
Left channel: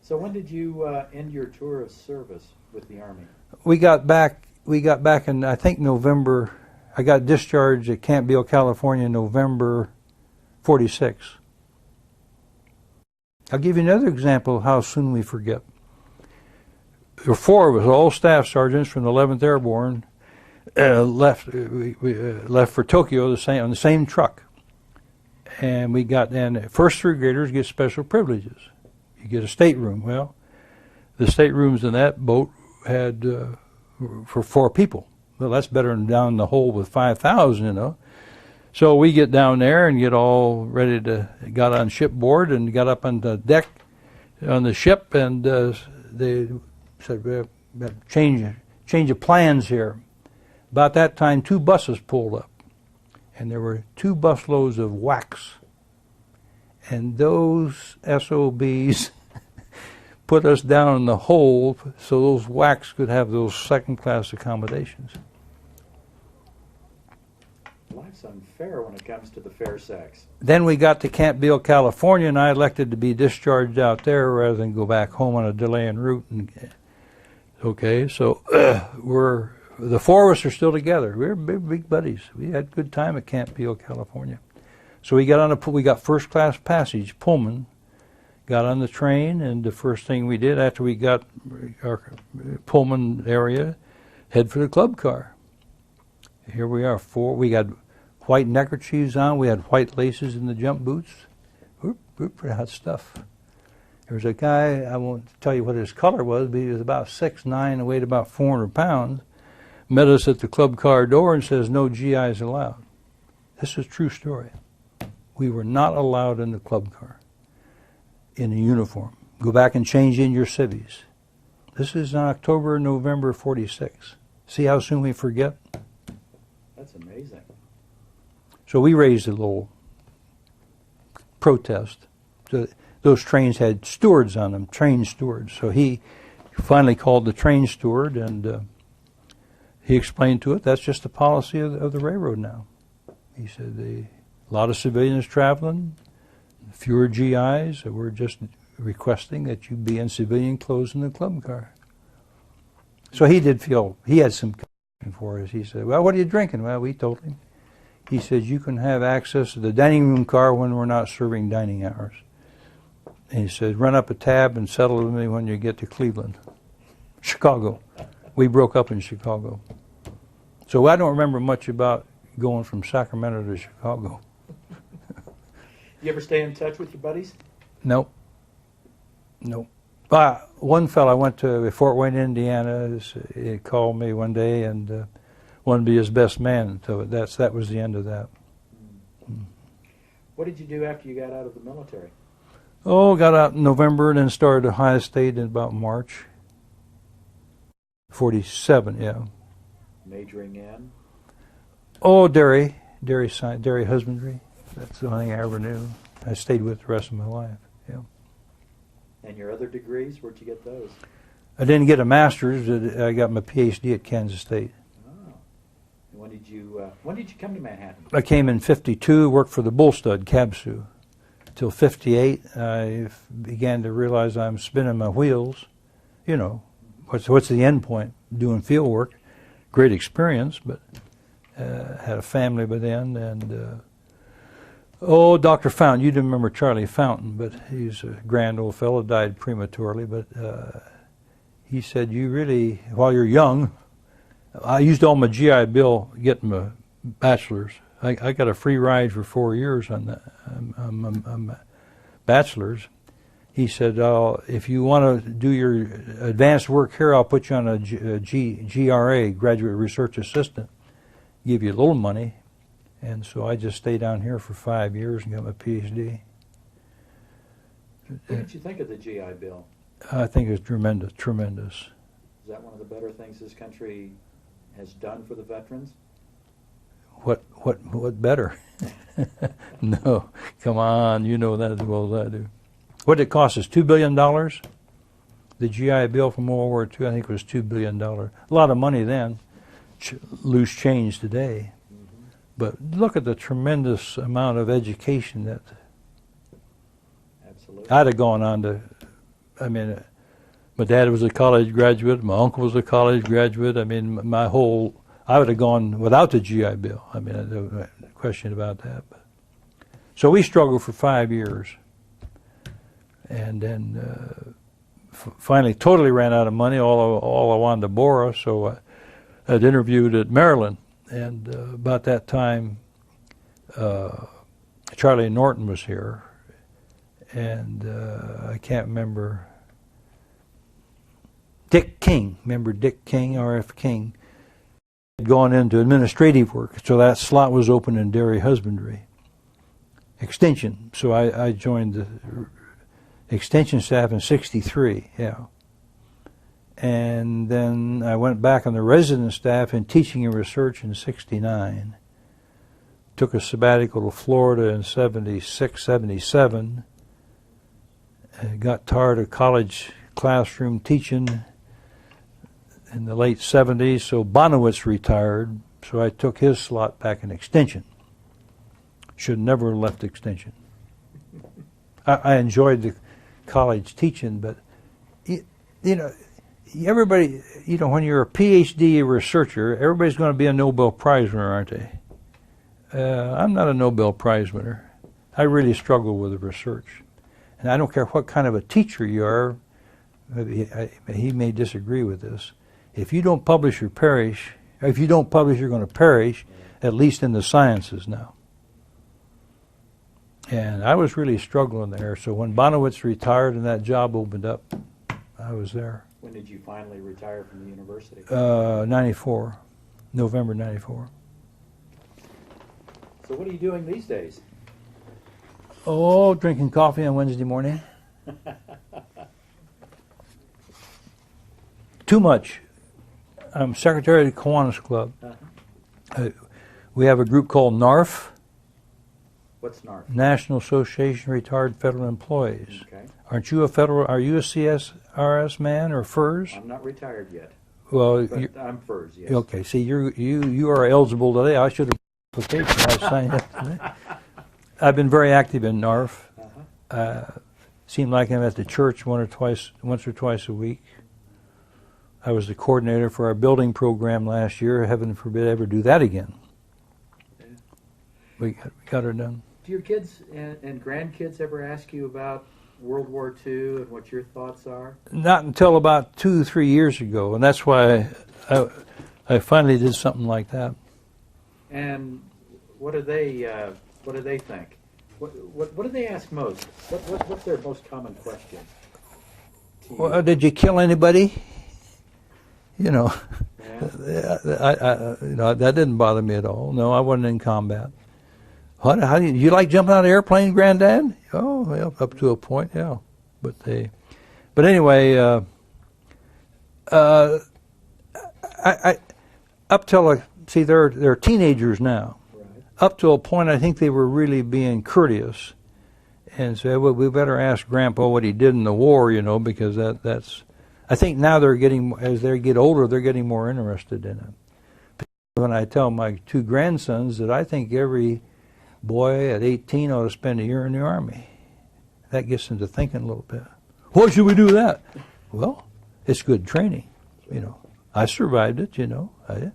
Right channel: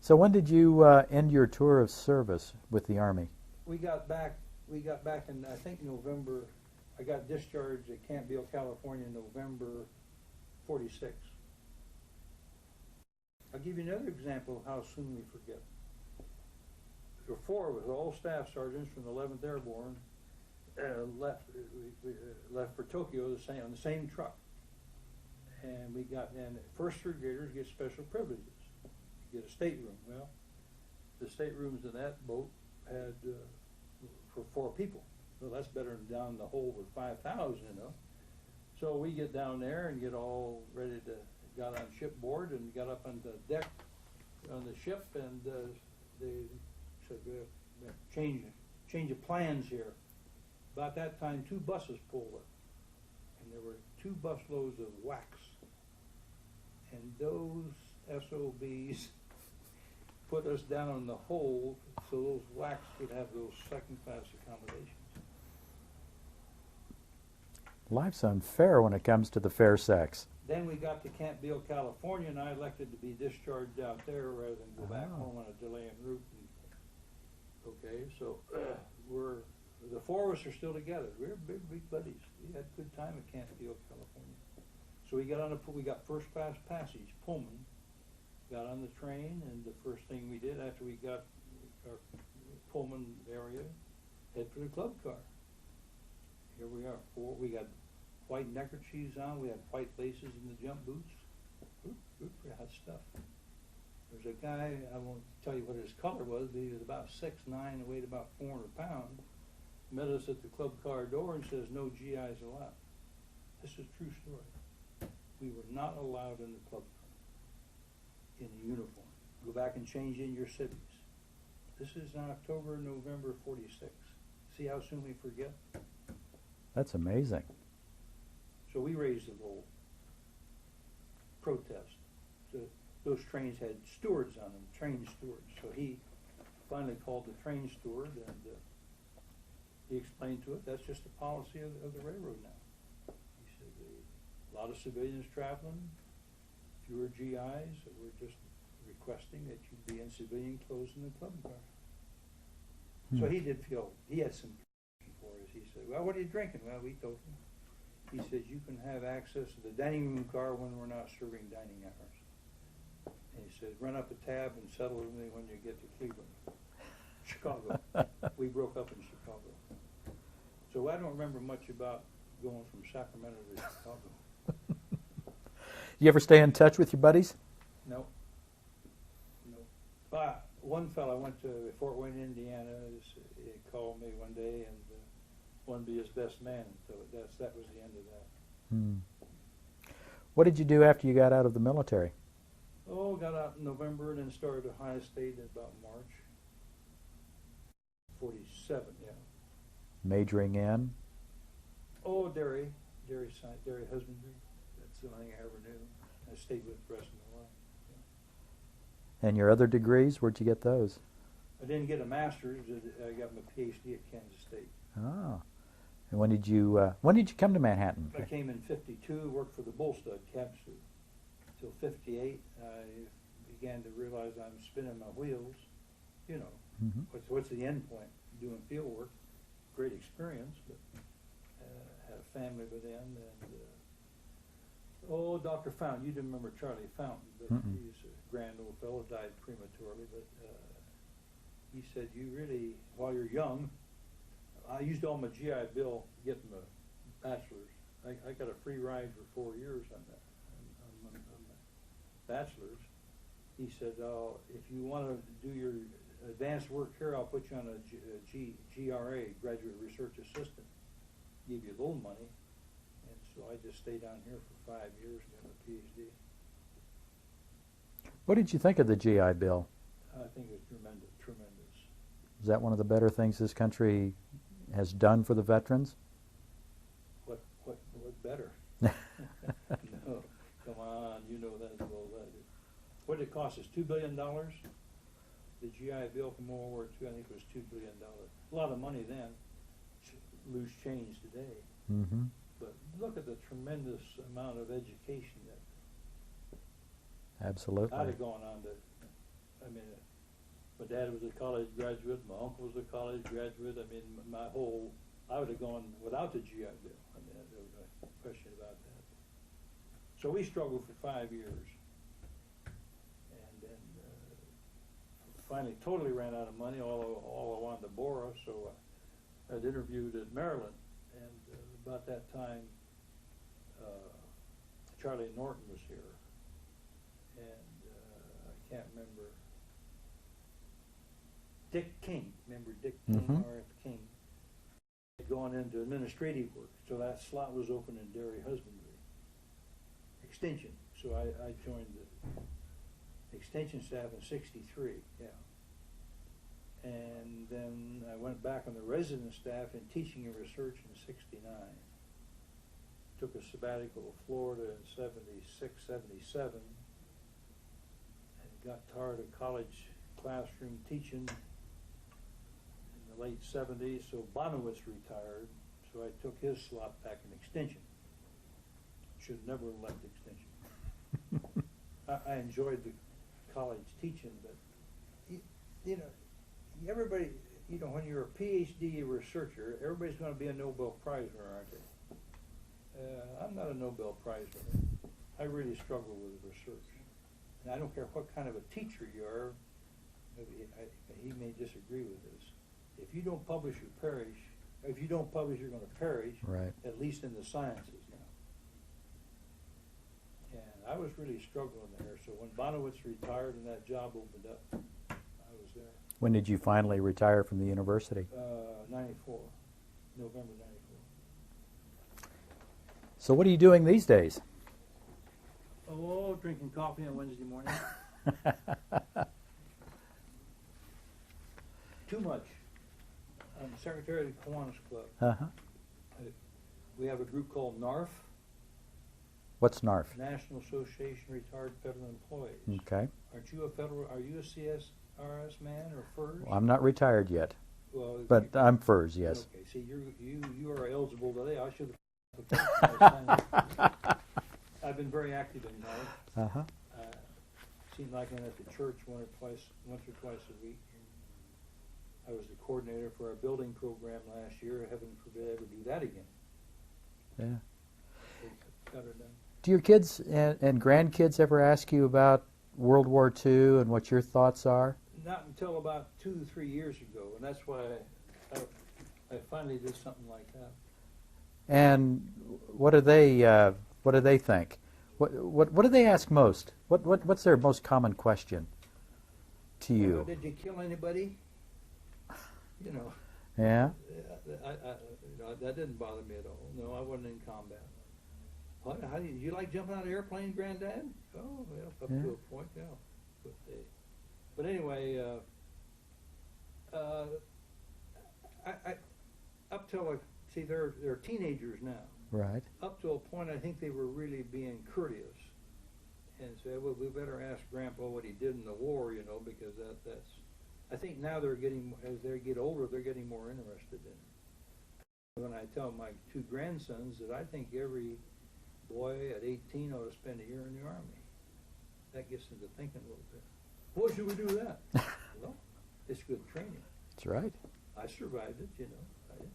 So when did you end your tour of service with the Army? We got back in, I think, November. I got discharged at Camp Beale, California in November 46. I'll give you another example of how soon we forget. There were four of us, all staff sergeants from the 11th Airborne, left for Tokyo on the same truck. And we got, and first three graders get special privileges. You get a stateroom. Well, the staterooms in that boat had for 4 people. Well, that's better than down the hole with 5,000, you know. So we get down there and get all ready got on shipboard and got up on the deck on the ship, and they said, we have change of plans here. About that time, 2 buses pulled up, and there were 2 busloads of wax. And those SOBs put us down in the hole so those wax could have those second-class accommodations. Life's unfair when it comes to the fair sex. Then we got to Camp Beale, California, and I elected to be discharged out there rather than go back home on a delay en route. Okay, so the 4 of us are still together. We're big buddies. We had a good time at Camp Beale, California. So we got first-class passage, Pullman, got on the train, and the first thing we did after we got our Pullman area, head for the club car. Here we are, 4. We got white neckerchiefs on. We had white laces in the jump boots. We're pretty hot stuff. There was a guy, I won't tell you what his color was, but he was about 6'9" and weighed about 400 pounds, met us at the club car door and says, "No GIs allowed." This is a true story. We were not allowed in the club car in a uniform. Go back and change in your civvies. This is in October, November 46. See how soon we forget? That's amazing. So we raised a little protest. So those trains had stewards on them, train stewards. So he finally called the train steward, and he explained to it, that's just the policy of the railroad now. He said a lot of civilians traveling, fewer GIs. So we're just requesting that you be in civilian clothes in the club car. So he did feel he had some compassion for us. He said, "Well, what are you drinking?" Well, we told him. He said, "You can have access to the dining room car when we're not serving dining hours." And he said, "Run up a tab and settle with me when you get to Cleveland." Chicago. We broke up in Chicago. So I don't remember much about going from Sacramento to Chicago. You ever stay in touch with your buddies? Nope. Nope. One fellow I went to Fort Wayne, Indiana. He called me one day and wanted to be his best man. So that was the end of that. What did you do after you got out of the military? Oh, got out in November and then started Ohio State in about March. 47, yeah. Majoring in? Oh, dairy husbandry. That's the only thing I ever knew. I stayed with the rest of my life. Yeah. And your other degrees, where'd you get those? I didn't get a master's. I got my PhD at Kansas State. Oh. And when did you come to Manhattan? I came in 52, worked for the Bull Stud, Cabsu. Till 58, I began to realize I'm spinning my wheels. You know, what's the end point? Doing field work. Great experience, but had a family by then. And, Dr. Fountain, you didn't remember Charlie Fountain, but he's a grand old fellow, died prematurely. But he said, you really, while you're young, I used all my GI Bill getting my bachelor's. I got a free ride for 4 years on that. I'm bachelor's. He said, if you want to do your advanced work here, I'll put you on a GRA, Graduate Research Assistant, give you a little money. And so I just stayed down here for 5 years and got my PhD. What did you think of the GI Bill? I think it was tremendous, tremendous. Is that one of the better things this country has done for the veterans? What better? No, come on, you know that as well as I do. What did it cost us? $2 billion? The GI Bill from World War II, I think, was $2 billion. A lot of money then, loose change today. Mm-hmm. But look at the tremendous amount of education that Absolutely. I'd have gone on to. I mean, my dad was a college graduate. My uncle was a college graduate. I mean, I would have gone without the GI Bill. I mean, there's no question about that. But, so we struggled for 5 years. And then finally totally ran out of money. All I wanted to borrow, so I'd interviewed at Maryland. And about that time, Charlie Norton was here. And I can't remember. Dick King. Remember Dick King, R.F. King? Had gone into administrative work, so that slot was open in dairy husbandry. Extension. So I joined the extension staff in 63, yeah. And then I went back on the resident staff in teaching and research in 69. Took a sabbatical to Florida in 76, 77. Got tired of college classroom teaching in the late 70s, so Bonowitz retired, so I took his slot back in extension. Should never have left extension. I enjoyed the college teaching, but you know, everybody, you know, when you're a PhD researcher, everybody's going to be a Nobel Prize winner, aren't they? I'm not a Nobel Prize winner. I really struggle with the research, and I don't care what kind of a teacher you are. He may disagree with this. If you don't publish, you perish. If you don't publish, you're going to perish. Right. At least in the sciences now. And I was really struggling there. So when Bonowitz retired and that job opened up, I was there. When did you finally retire from the university? 94, November 94. So what are you doing these days? Oh, drinking coffee on Wednesday morning. Too much. I'm secretary of the Kiwanis Club. Uh-huh. We have a group called NARF. What's NARF? National Association of Retired Federal Employees. Okay. Are you a CSRS man or FERS? I'm not retired yet. Well, but I'm FERS, yes. Okay. See, you are eligible today. I should have application I signed yesterday. I've been very active in NARF. Uh-huh. Seemed like I'm at the church once or twice a week. I was the coordinator for our building program last year. Heaven forbid I ever do that again. Yeah. We got her done. Do your kids and grandkids ever ask you about World War II and what your thoughts are? Not until about 2-3 years ago, and that's why I finally did something like that. And what do they think? What do they ask most? What's their most common question to you? Well, did you kill anybody? You know, Yeah. That didn't bother me at all. No, I wasn't in combat. How do you like jumping out of an airplane, Granddad? Oh, well, up to a point, yeah. But anyway, I up till see they're teenagers now. Right. Up to a point, I think they were really being courteous, and said, "Well, we better ask Grandpa what he did in the war," because that's. I think now as they get older, they're getting more interested in it. When I tell my 2 grandsons that I think every boy at 18 ought to spend a year in the Army, that gets them to thinking a little bit. Why should we do that? Well, it's good training. That's right. I survived it. I did.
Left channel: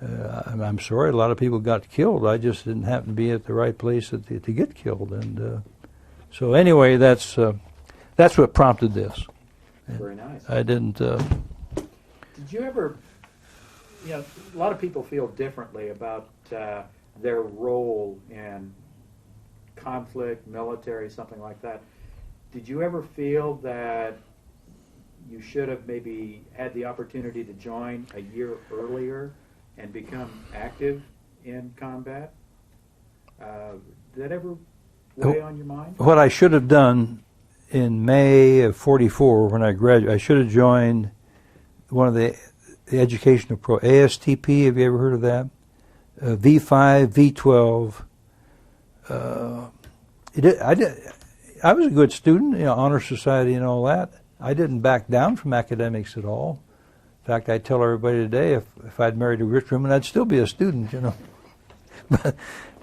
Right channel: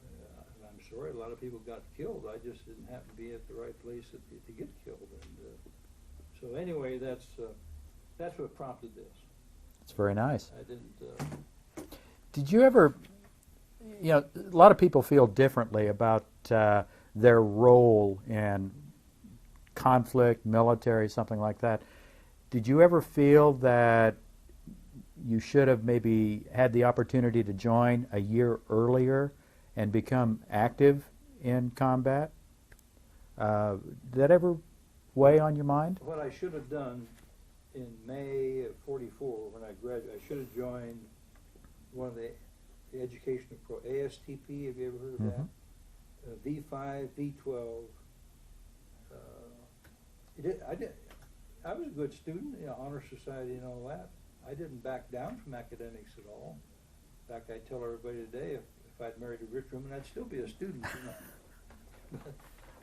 I'm sorry, a lot of people got killed. I just didn't happen to be at the right place to get killed, and so anyway, that's what prompted this. It's very nice. I didn't. Did you ever, a lot of people feel differently about their role in conflict, military, something like that. Did you ever feel that you should have maybe had the opportunity to join a year earlier and become active in combat? Did that ever weigh on your mind? What I should have done in May of '44, when I graduated, I should have joined one of the educational ASTP. Have you ever heard of that? V5, V12. I was a good student, honor society and all that. I didn't back down from academics at all. In fact, I tell everybody today, if I'd married a rich woman, I'd still be a student,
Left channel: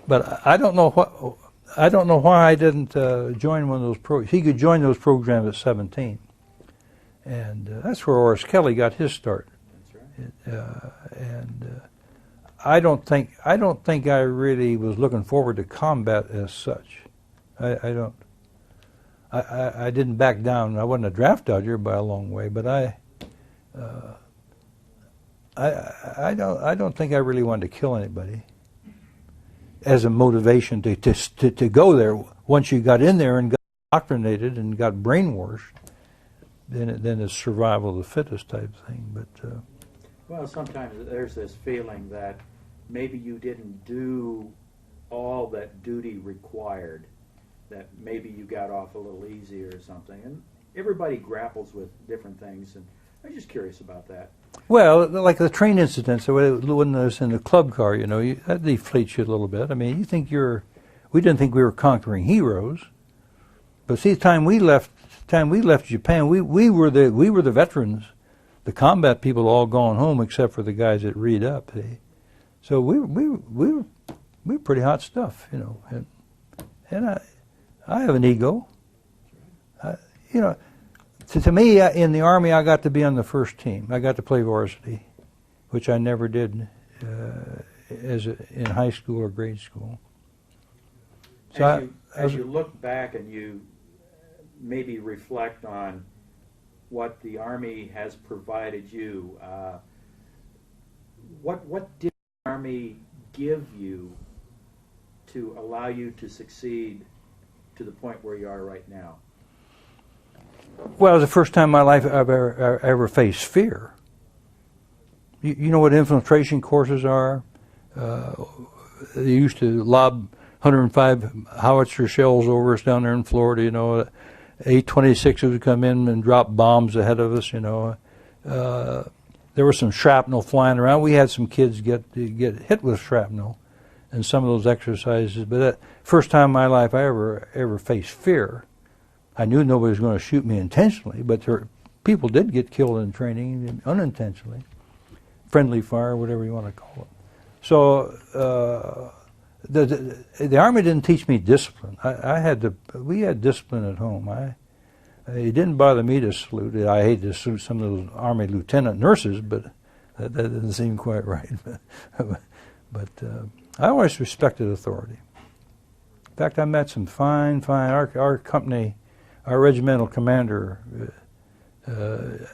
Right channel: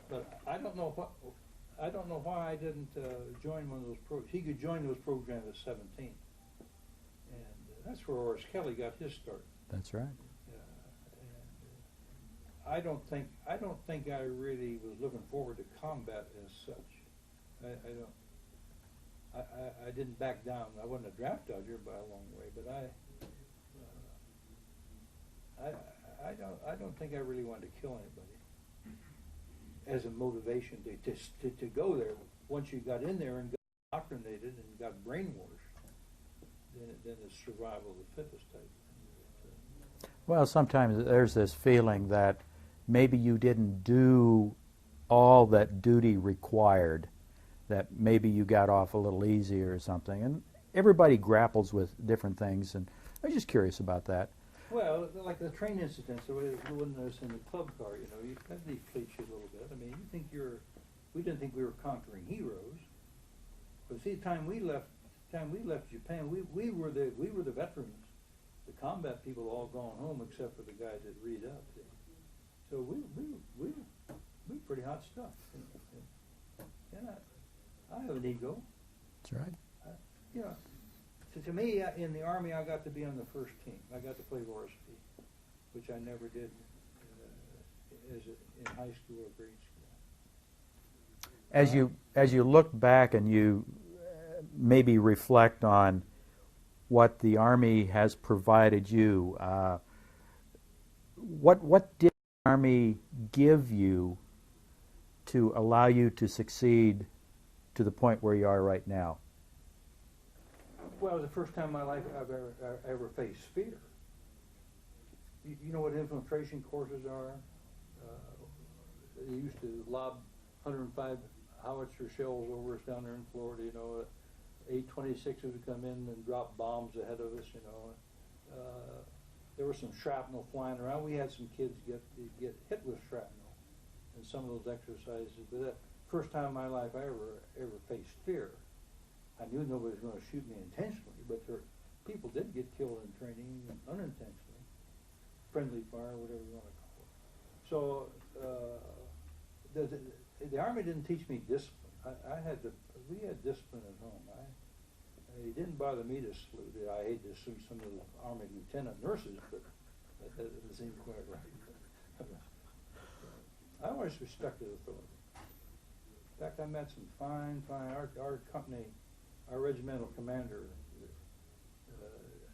But I don't know why I didn't join one of those programs. He could join those programs at 17, and that's where Horace Kelly got his start. That's right. I don't think I really was looking forward to combat as such. I don't. I didn't back down. I wasn't a draft dodger by a long way, but I don't think I really wanted to kill anybody as a motivation to go there. Once you got in there and got indoctrinated and got brainwashed, then it's survival of the fittest type thing. But well, sometimes there's this feeling that maybe you didn't do all that duty required, that maybe you got off a little easier or something. And everybody grapples with different things, and I'm just curious about that. Well, like the train incident, so when I was in the club car, that deflates you a little bit. I mean, we didn't think we were conquering heroes, but see, the time we left Japan, we were the veterans, the combat people all gone home except for the guys that read up. So we were pretty hot stuff, and I have an ego. That's right. To me, in the Army, I got to be on the first team. I got to play varsity, which I never did in high school or grade school. So As you look back and you maybe reflect on what the Army has provided you, what did the Army give you to allow you to succeed to the point where you are right now? Well, it was the first time in my life I've ever faced fear. You know what infiltration courses are? They used to lob 105 howitzer shells over us down there in Florida. A-26s would come in and drop bombs ahead of us. There was some shrapnel flying around. We had some kids get hit with shrapnel in some of those exercises. But that first time in my life I ever faced fear. I knew nobody was going to shoot me intentionally, but people did get killed in training unintentionally. Friendly fire, whatever you want to call it. So the Army didn't teach me discipline. We had discipline at home. It didn't bother me to salute. I hate to salute some of those Army lieutenant nurses, but that doesn't seem quite right. But I always respected authority. In fact, I met some fine, our company, our regimental commander,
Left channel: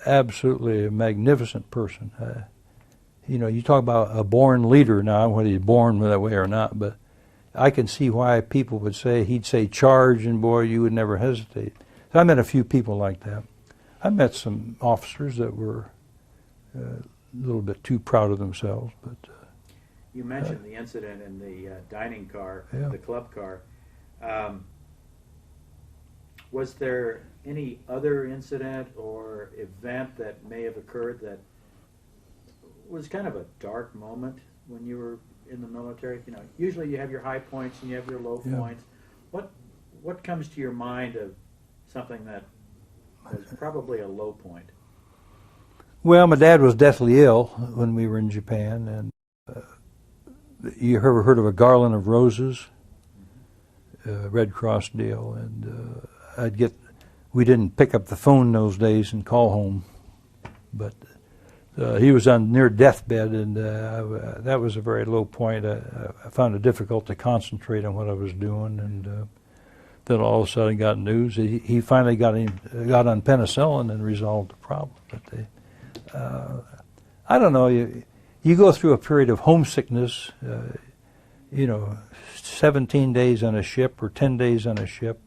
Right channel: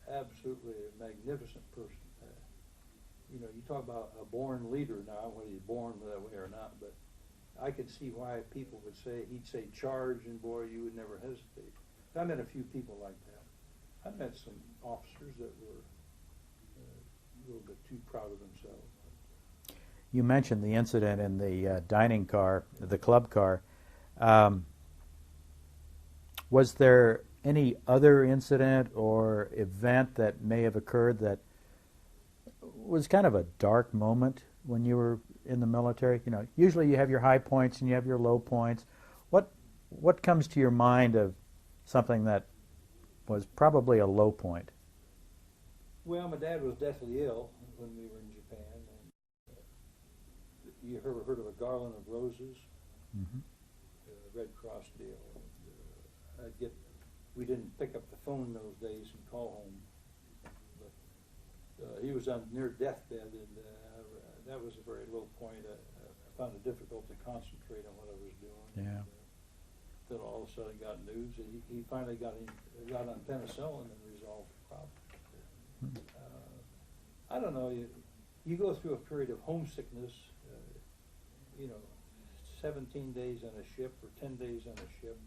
absolutely a magnificent person. You know, you talk about a born leader now, whether he's born that way or not, but I can see why people would say, he'd say charge, and boy, you would never hesitate. So I met a few people like that. I met some officers that were a little bit too proud of themselves. But You mentioned the incident in the dining car, Yeah. the club car. Was there any other incident or event that may have occurred that was kind of a dark moment when you were in the military? You know, usually you have your high points and you have your low Yeah. points. What comes to your mind of something that was probably a low point? well, my dad was deathly ill when we were in Japan, and you ever heard of a garland of roses? Red Cross deal, and we didn't pick up the phone those days and call home, but he was on near deathbed, and that was a very low point. I found it difficult to concentrate on what I was doing, and then all of a sudden got news. He finally got on penicillin and resolved the problem. But I don't know. You go through a period of homesickness. 17 days on a ship or 10 days on a ship.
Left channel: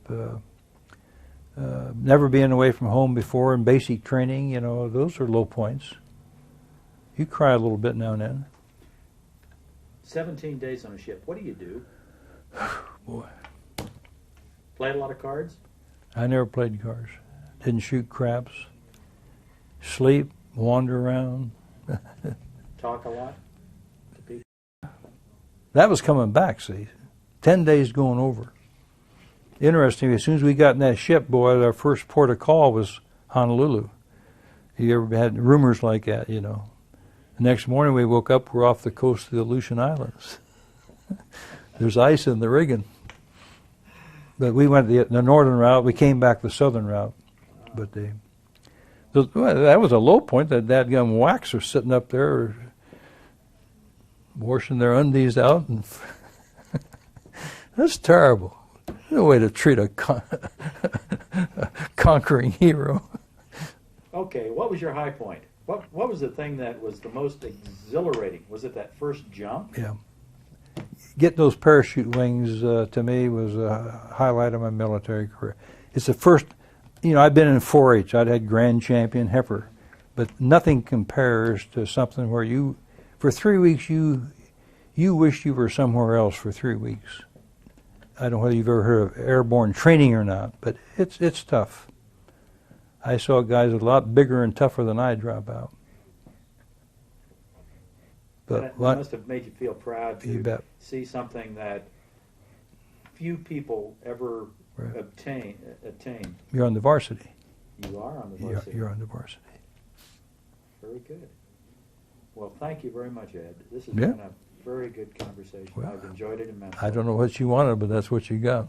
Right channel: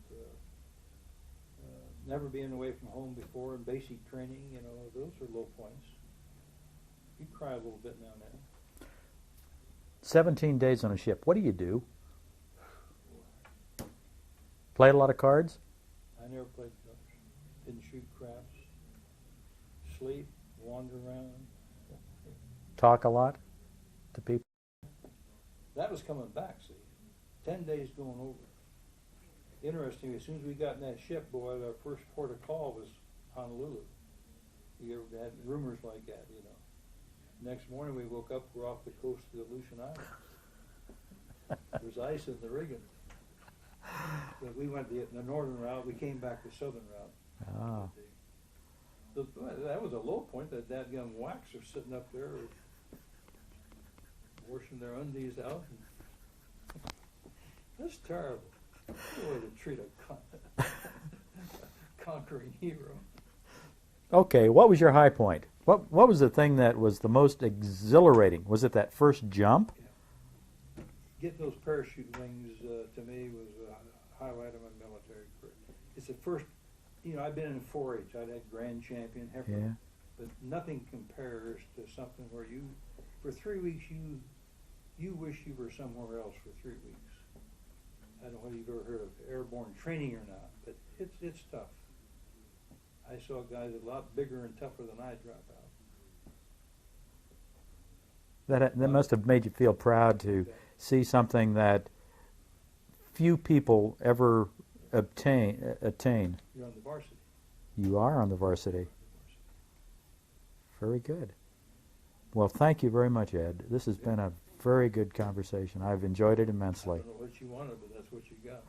Never being away from home before in basic training. Those are low points. You cry a little bit now and then. 17 days on a ship. What do you do? Boy, Play a lot of cards? I never played cards. Didn't shoot craps. Sleep, wander around. Talk a lot to people? That was coming back, see. 10 days going over. Interesting, as soon as we got in that ship, boy, our first port of call was Honolulu. You ever had rumors like that, The next morning we woke up, we're off the coast of the Aleutian Islands. There's ice in the rigging. But we went the northern route, we came back the southern route. Ah. But that was a low point, that dadgum wax was sitting up there washing their undies out, and that's terrible. No way to treat a conquering hero. Okay, what was your high point? What was the thing that was the most exhilarating? Was it that first jump? Yeah, getting those parachute wings to me was a highlight of my military career. It's the first. I've been in 4-H. I'd had grand champion heifer, but nothing compares to something where for 3 weeks, you wished you were somewhere else for 3 weeks. I don't know whether you've ever heard of airborne training or not, but it's tough. I saw guys a lot bigger and tougher than I drop out. That must have made you feel proud You to bet. see something that few people ever Right. attain. You're on the varsity. You are on the varsity. You're on the varsity. Very good. Well, thank you very much, Ed. This has Yeah. been a very good conversation. Well, I've enjoyed it immensely. I don't know what you wanted, but that's what you got.